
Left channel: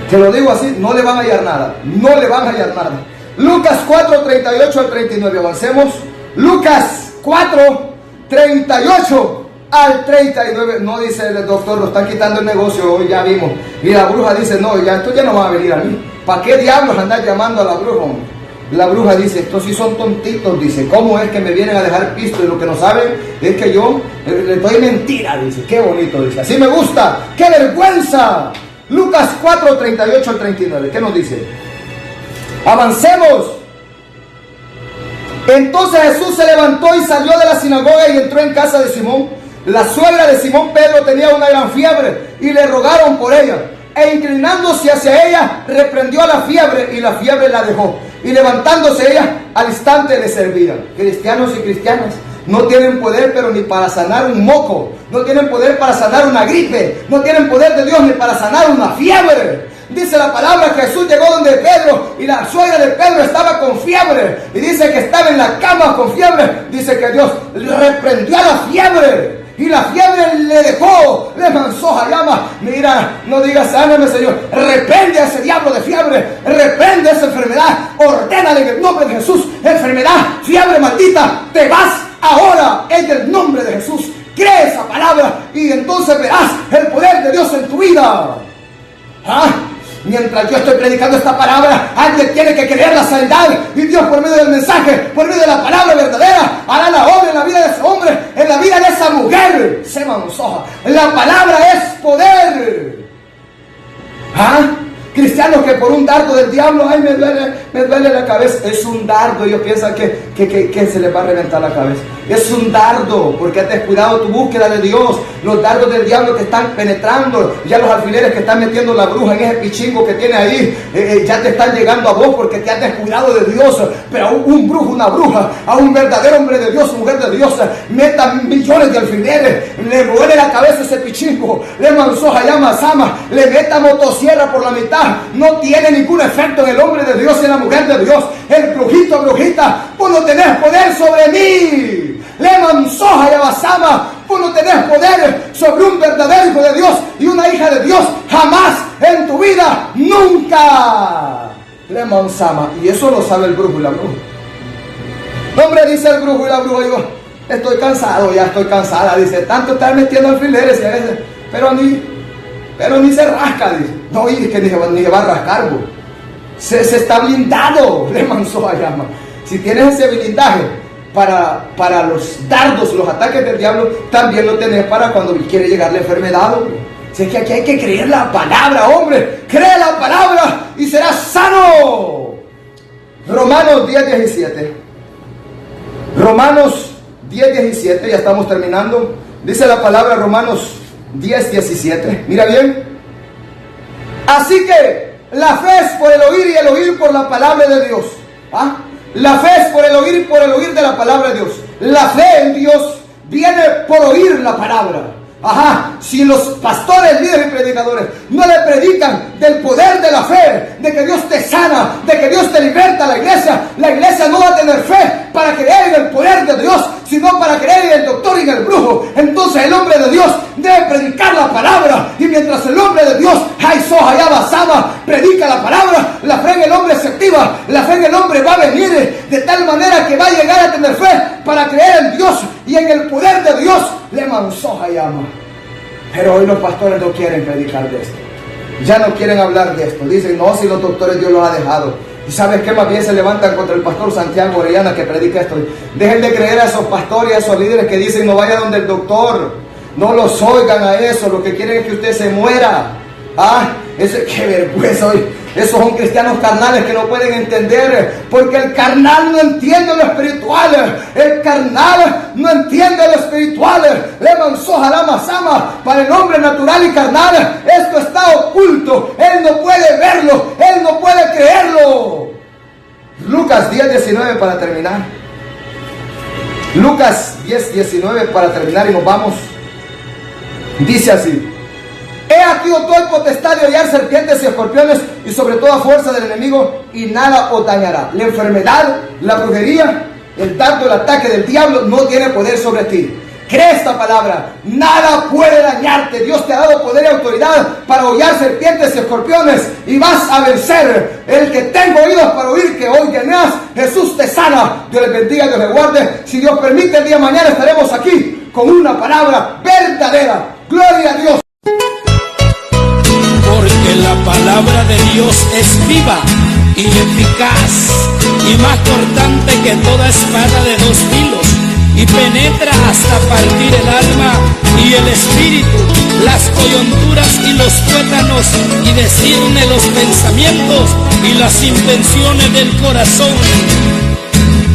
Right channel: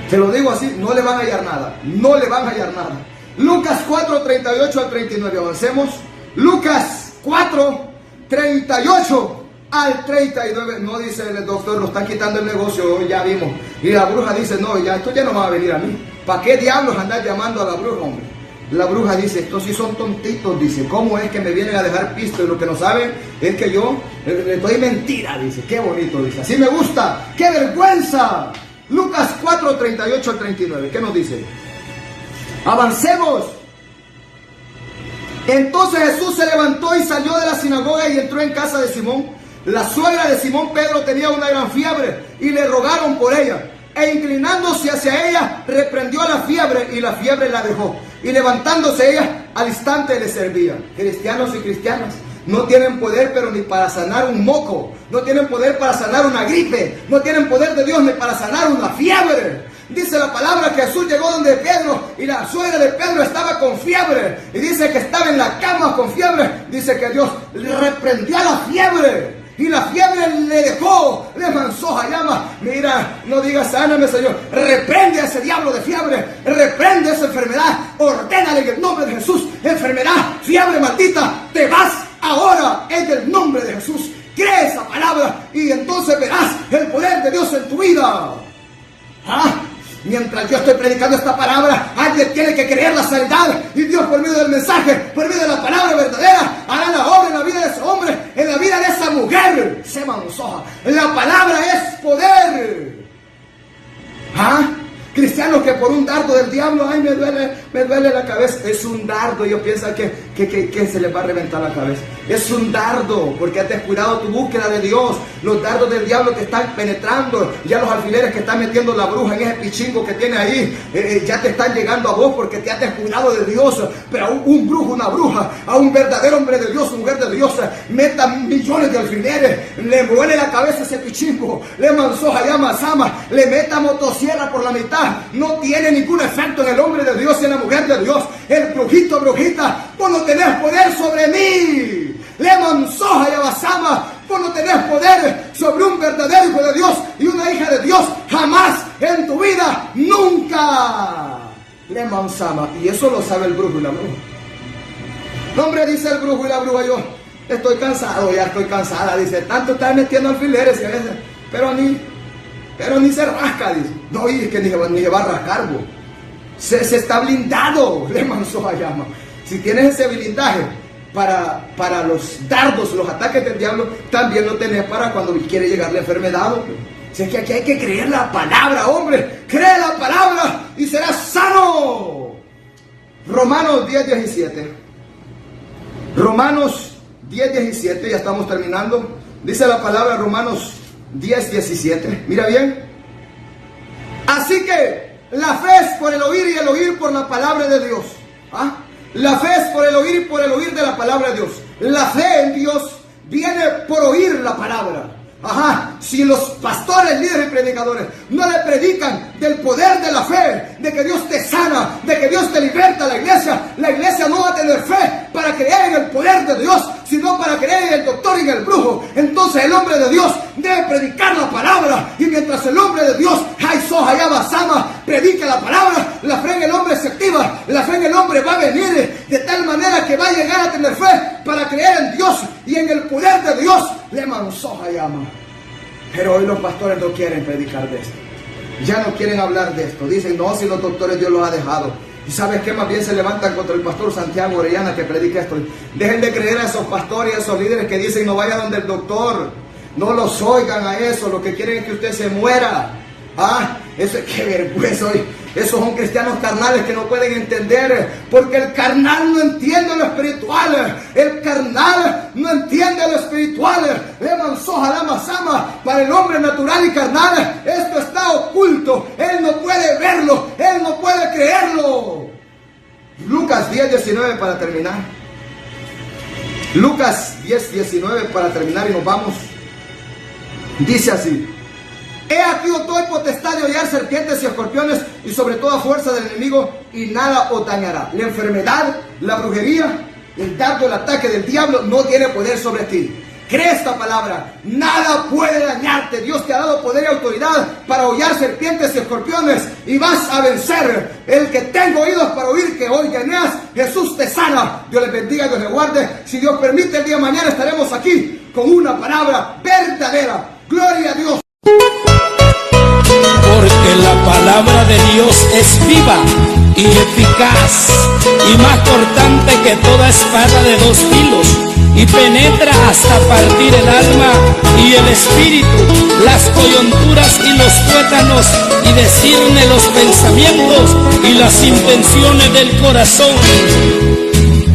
te lo digo así, no le van a hallar nada. No le van a hallar nada. Lucas 4, 38 al 39. Avancemos. Lucas 4, 38 al 39. No dice el doctor, lo están quitando el negocio hoy, ya vimos. Y la bruja dice, no, ya esto ya no va a venir a mí. ¿Para qué diablos andar llamando a la bruja, hombre? La bruja dice, estos sí son tontitos, dice, ¿cómo es que me vienen a dejar pisto? Y lo que no saben es que yo les doy mentira, dice, qué bonito, dice, así me gusta, qué vergüenza. Lucas 4, 38 al 39, ¿qué nos dice? Avancemos. Entonces Jesús se levantó y salió de la sinagoga y entró en casa de Simón. La suegra de Simón Pedro tenía una gran fiebre y le rogaron por ella. E inclinándose hacia ella, reprendió a la fiebre y la fiebre la dejó. Y levantándose ella, al instante le servía. Cristianos y cristianas no tienen poder, pero ni para sanar un moco. No tienen poder para sanar una gripe. No tienen poder de Dios ni para sanar una fiebre. Dice la palabra que Jesús llegó donde Pedro y la suegra de Pedro estaba con fiebre. Y dice que estaba en la cama con fiebre. Dice que Dios reprendió a la fiebre. Y la fiebre le dejó, le manzó a llama. Mira, no digas, sáname, Señor. Reprende a ese diablo de fiebre. Reprende esa enfermedad. Ordénale en el nombre de Jesús. Enfermedad, fiebre maldita, te vas ahora en el nombre de Jesús. Cree esa palabra y entonces verás el poder de Dios en tu vida. ¿Ah? Mientras yo estoy predicando esta palabra, alguien tiene que creer la sanidad. Y Dios, por medio del mensaje, por medio de la palabra verdadera, hará la obra en la vida de ese hombre, en la vida de esa mujer. Se mansoja. La palabra es poder. ¿Ah? Cristianos que por un dardo del diablo, ay, me duele la cabeza. Es un dardo. Ellos piensan que se les va a reventar la cabeza. Es un dardo, porque has descuidado tu búsqueda de Dios. Los dardos del diablo que están penetrando, ya los alfileres que están metiendo la bruja en ese pichingo que tiene ahí, ya te están llegando a vos porque te has descuidado de Dios. Pero a un brujo, una bruja, a un verdadero hombre de Dios, mujer de Dios, metan millones de alfileres, le duele la cabeza ese pichingo, le manzoja llama sama, le meta motosierra por la mitad. No tiene ningún efecto en el hombre de Dios y en la mujer de Dios. El brujito, brujita, vos no tenés poder sobre mí. Le manzoja y abasama, vos no tenés poder sobre un verdadero hijo de Dios y una hija de Dios. Jamás en tu vida, nunca. Le manzama. Y eso lo sabe el brujo y la bruja. No, hombre, dice el brujo y la bruja, yo estoy cansado, ya estoy cansada. Dice, tanto estar metiendo alfileres y a veces, pero ni se rasca, dice. No, y que ni se va a rascar, bo. Se está blindado, le manzó a llama. Si tienes ese blindaje para los dardos, los ataques del diablo, también lo tenés para cuando quiere llegar la enfermedad, hombre. Si es que aquí hay que creer la palabra, hombre. Cree la palabra y serás sano. Romanos 10:17. Romanos 10:17, ya estamos terminando. Dice la palabra Romanos 10:17. Mira bien. Así que la fe es por el oír y el oír por la palabra de Dios. ¿Ah? La fe es por el oír y por el oír de la palabra de Dios. La fe en Dios viene por oír la palabra. Ajá, si los pastores, líderes y predicadores no le predican del poder de la fe, de que Dios te sana, de que Dios te liberta a la iglesia no va a tener fe para creer en el poder de Dios, sino para creer en el doctor y en el brujo. Entonces el hombre de Dios debe predicar la palabra, y mientras el hombre de Dios, predica la palabra, la fe en el hombre se activa, la fe en el hombre va a venir de tal manera que va a llegar a tener fe para creer en Dios y en el poder de Dios. Le manzoja llama. Pero hoy los pastores no quieren predicar de esto. Ya no quieren hablar de esto. Dicen, no, si los doctores Dios los ha dejado. ¿Y sabes qué? Más bien se levantan contra el pastor Santiago Orellana que predica esto. Dejen de creer a esos pastores y a esos líderes que dicen, no vaya donde el doctor. No los oigan a eso. Lo que quieren es que usted se muera. qué vergüenza hoy. Esos son cristianos carnales que no pueden entender, porque el carnal no entiende lo espiritual. El carnal no entiende lo espiritual. Para el hombre natural y carnal, esto está oculto. Él no puede verlo, él no puede creerlo. Lucas 10:19 para terminar. Lucas 10:19 para terminar y nos vamos. Dice así: he aquí os doy potestad de hollar serpientes y escorpiones y sobre toda fuerza del enemigo, y nada os dañará. La enfermedad, la brujería, el dardo, el ataque del diablo no tiene poder sobre ti. Cree esta palabra, nada puede dañarte. Dios te ha dado poder y autoridad para hollar serpientes y escorpiones y vas a vencer. El que tenga oídos para oír, que hoy tengas. Jesús te sana. Dios les bendiga, Dios les guarde. Si Dios permite, el día de mañana estaremos aquí con una palabra verdadera. Gloria a Dios. Porque la palabra de Dios es viva y eficaz y más cortante que toda espada de dos filos, y penetra hasta partir el alma y el espíritu, las coyunturas y los tuétanos, y discierne los pensamientos y las intenciones del corazón.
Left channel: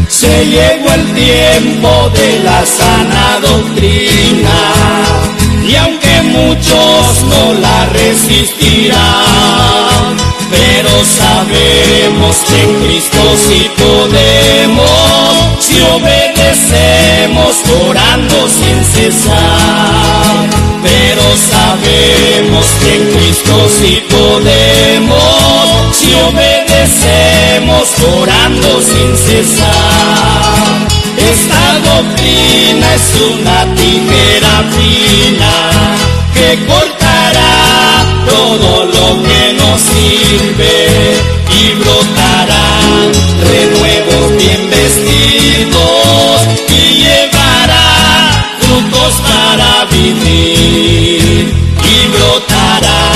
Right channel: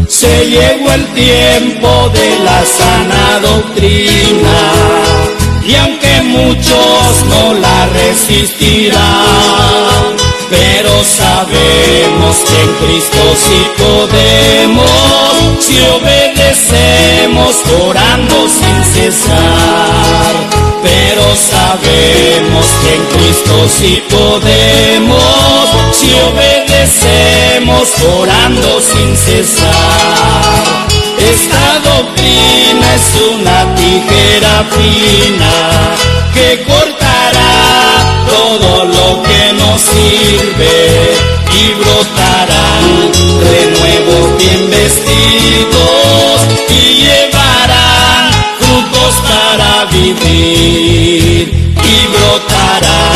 Se llegó el tiempo de la sana doctrina, y aunque muchos no la resistirán, pero sabemos que en Cristo sí podemos, si obedecemos orando sin cesar. Pero sabemos que en Cristo sí podemos, si obedecemos orando sin cesar. Esta doctrina es una tijera fina que cortará todo lo que nos sirve y brotará renuevos bien vestidos y llevará frutos para vivir. Y brotará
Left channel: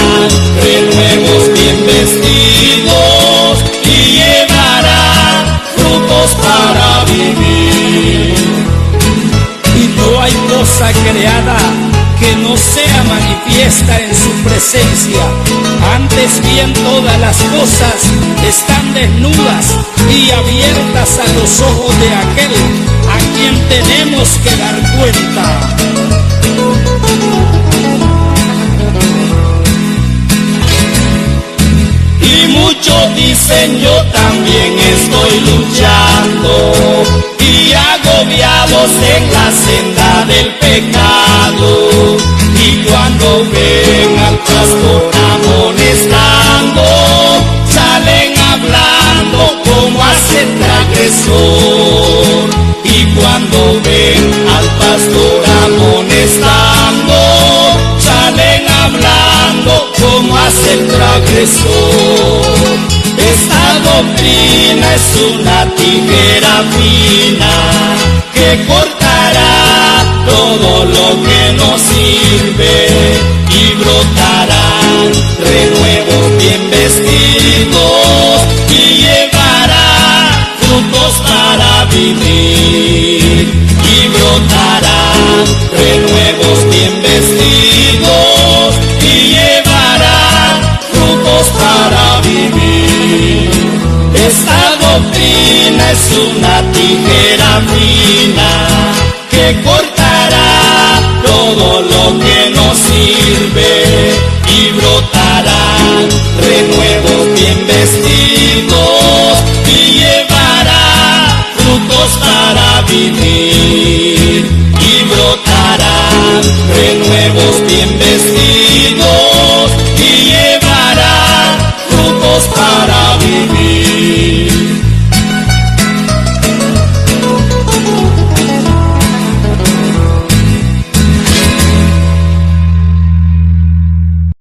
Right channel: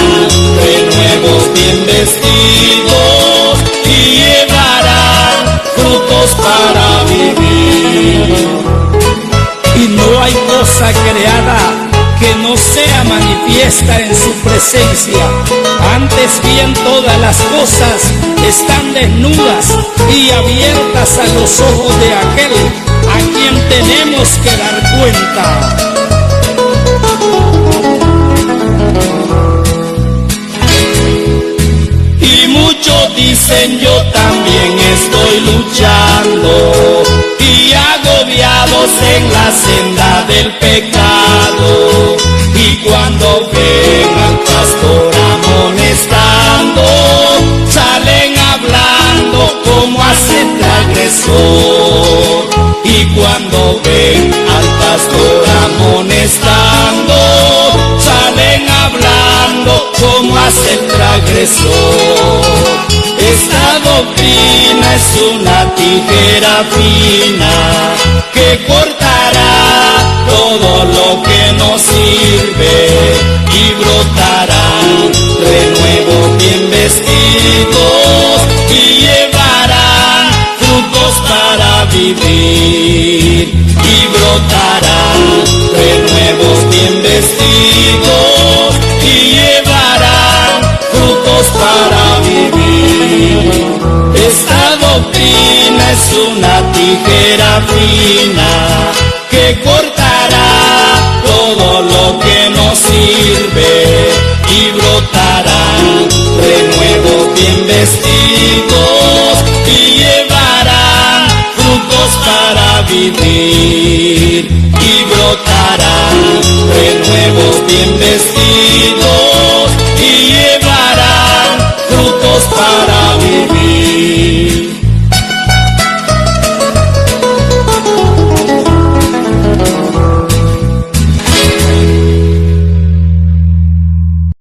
renuevos bien vestidos y llevará frutos para vivir. Y no hay cosa creada que no sea manifiesta en su presencia. Antes bien todas las cosas están desnudas y abiertas a los ojos de aquel a quien tenemos que dar cuenta. Y muchos dicen yo también estoy luchando y agobiados en la senda del pecado, y cuando ven al pastor amonestando, salen hablando como hace transgresor. Y cuando ven al pastor amonestando, salen hablando como hace el transgresor. Esta doctrina es una tijera fina que cortará todo lo que nos sirve y brotará renuevos bien vestidos y llevará frutos para vivir. Y brotará renuevos bien vestidos y llevará frutos para vivir. Esta doctrina es una tijera fina que cortará todo lo que nos sirve y brotará renuevos bien vestidos y llevará frutos para vivir. Y brotará renuevos bien vestidos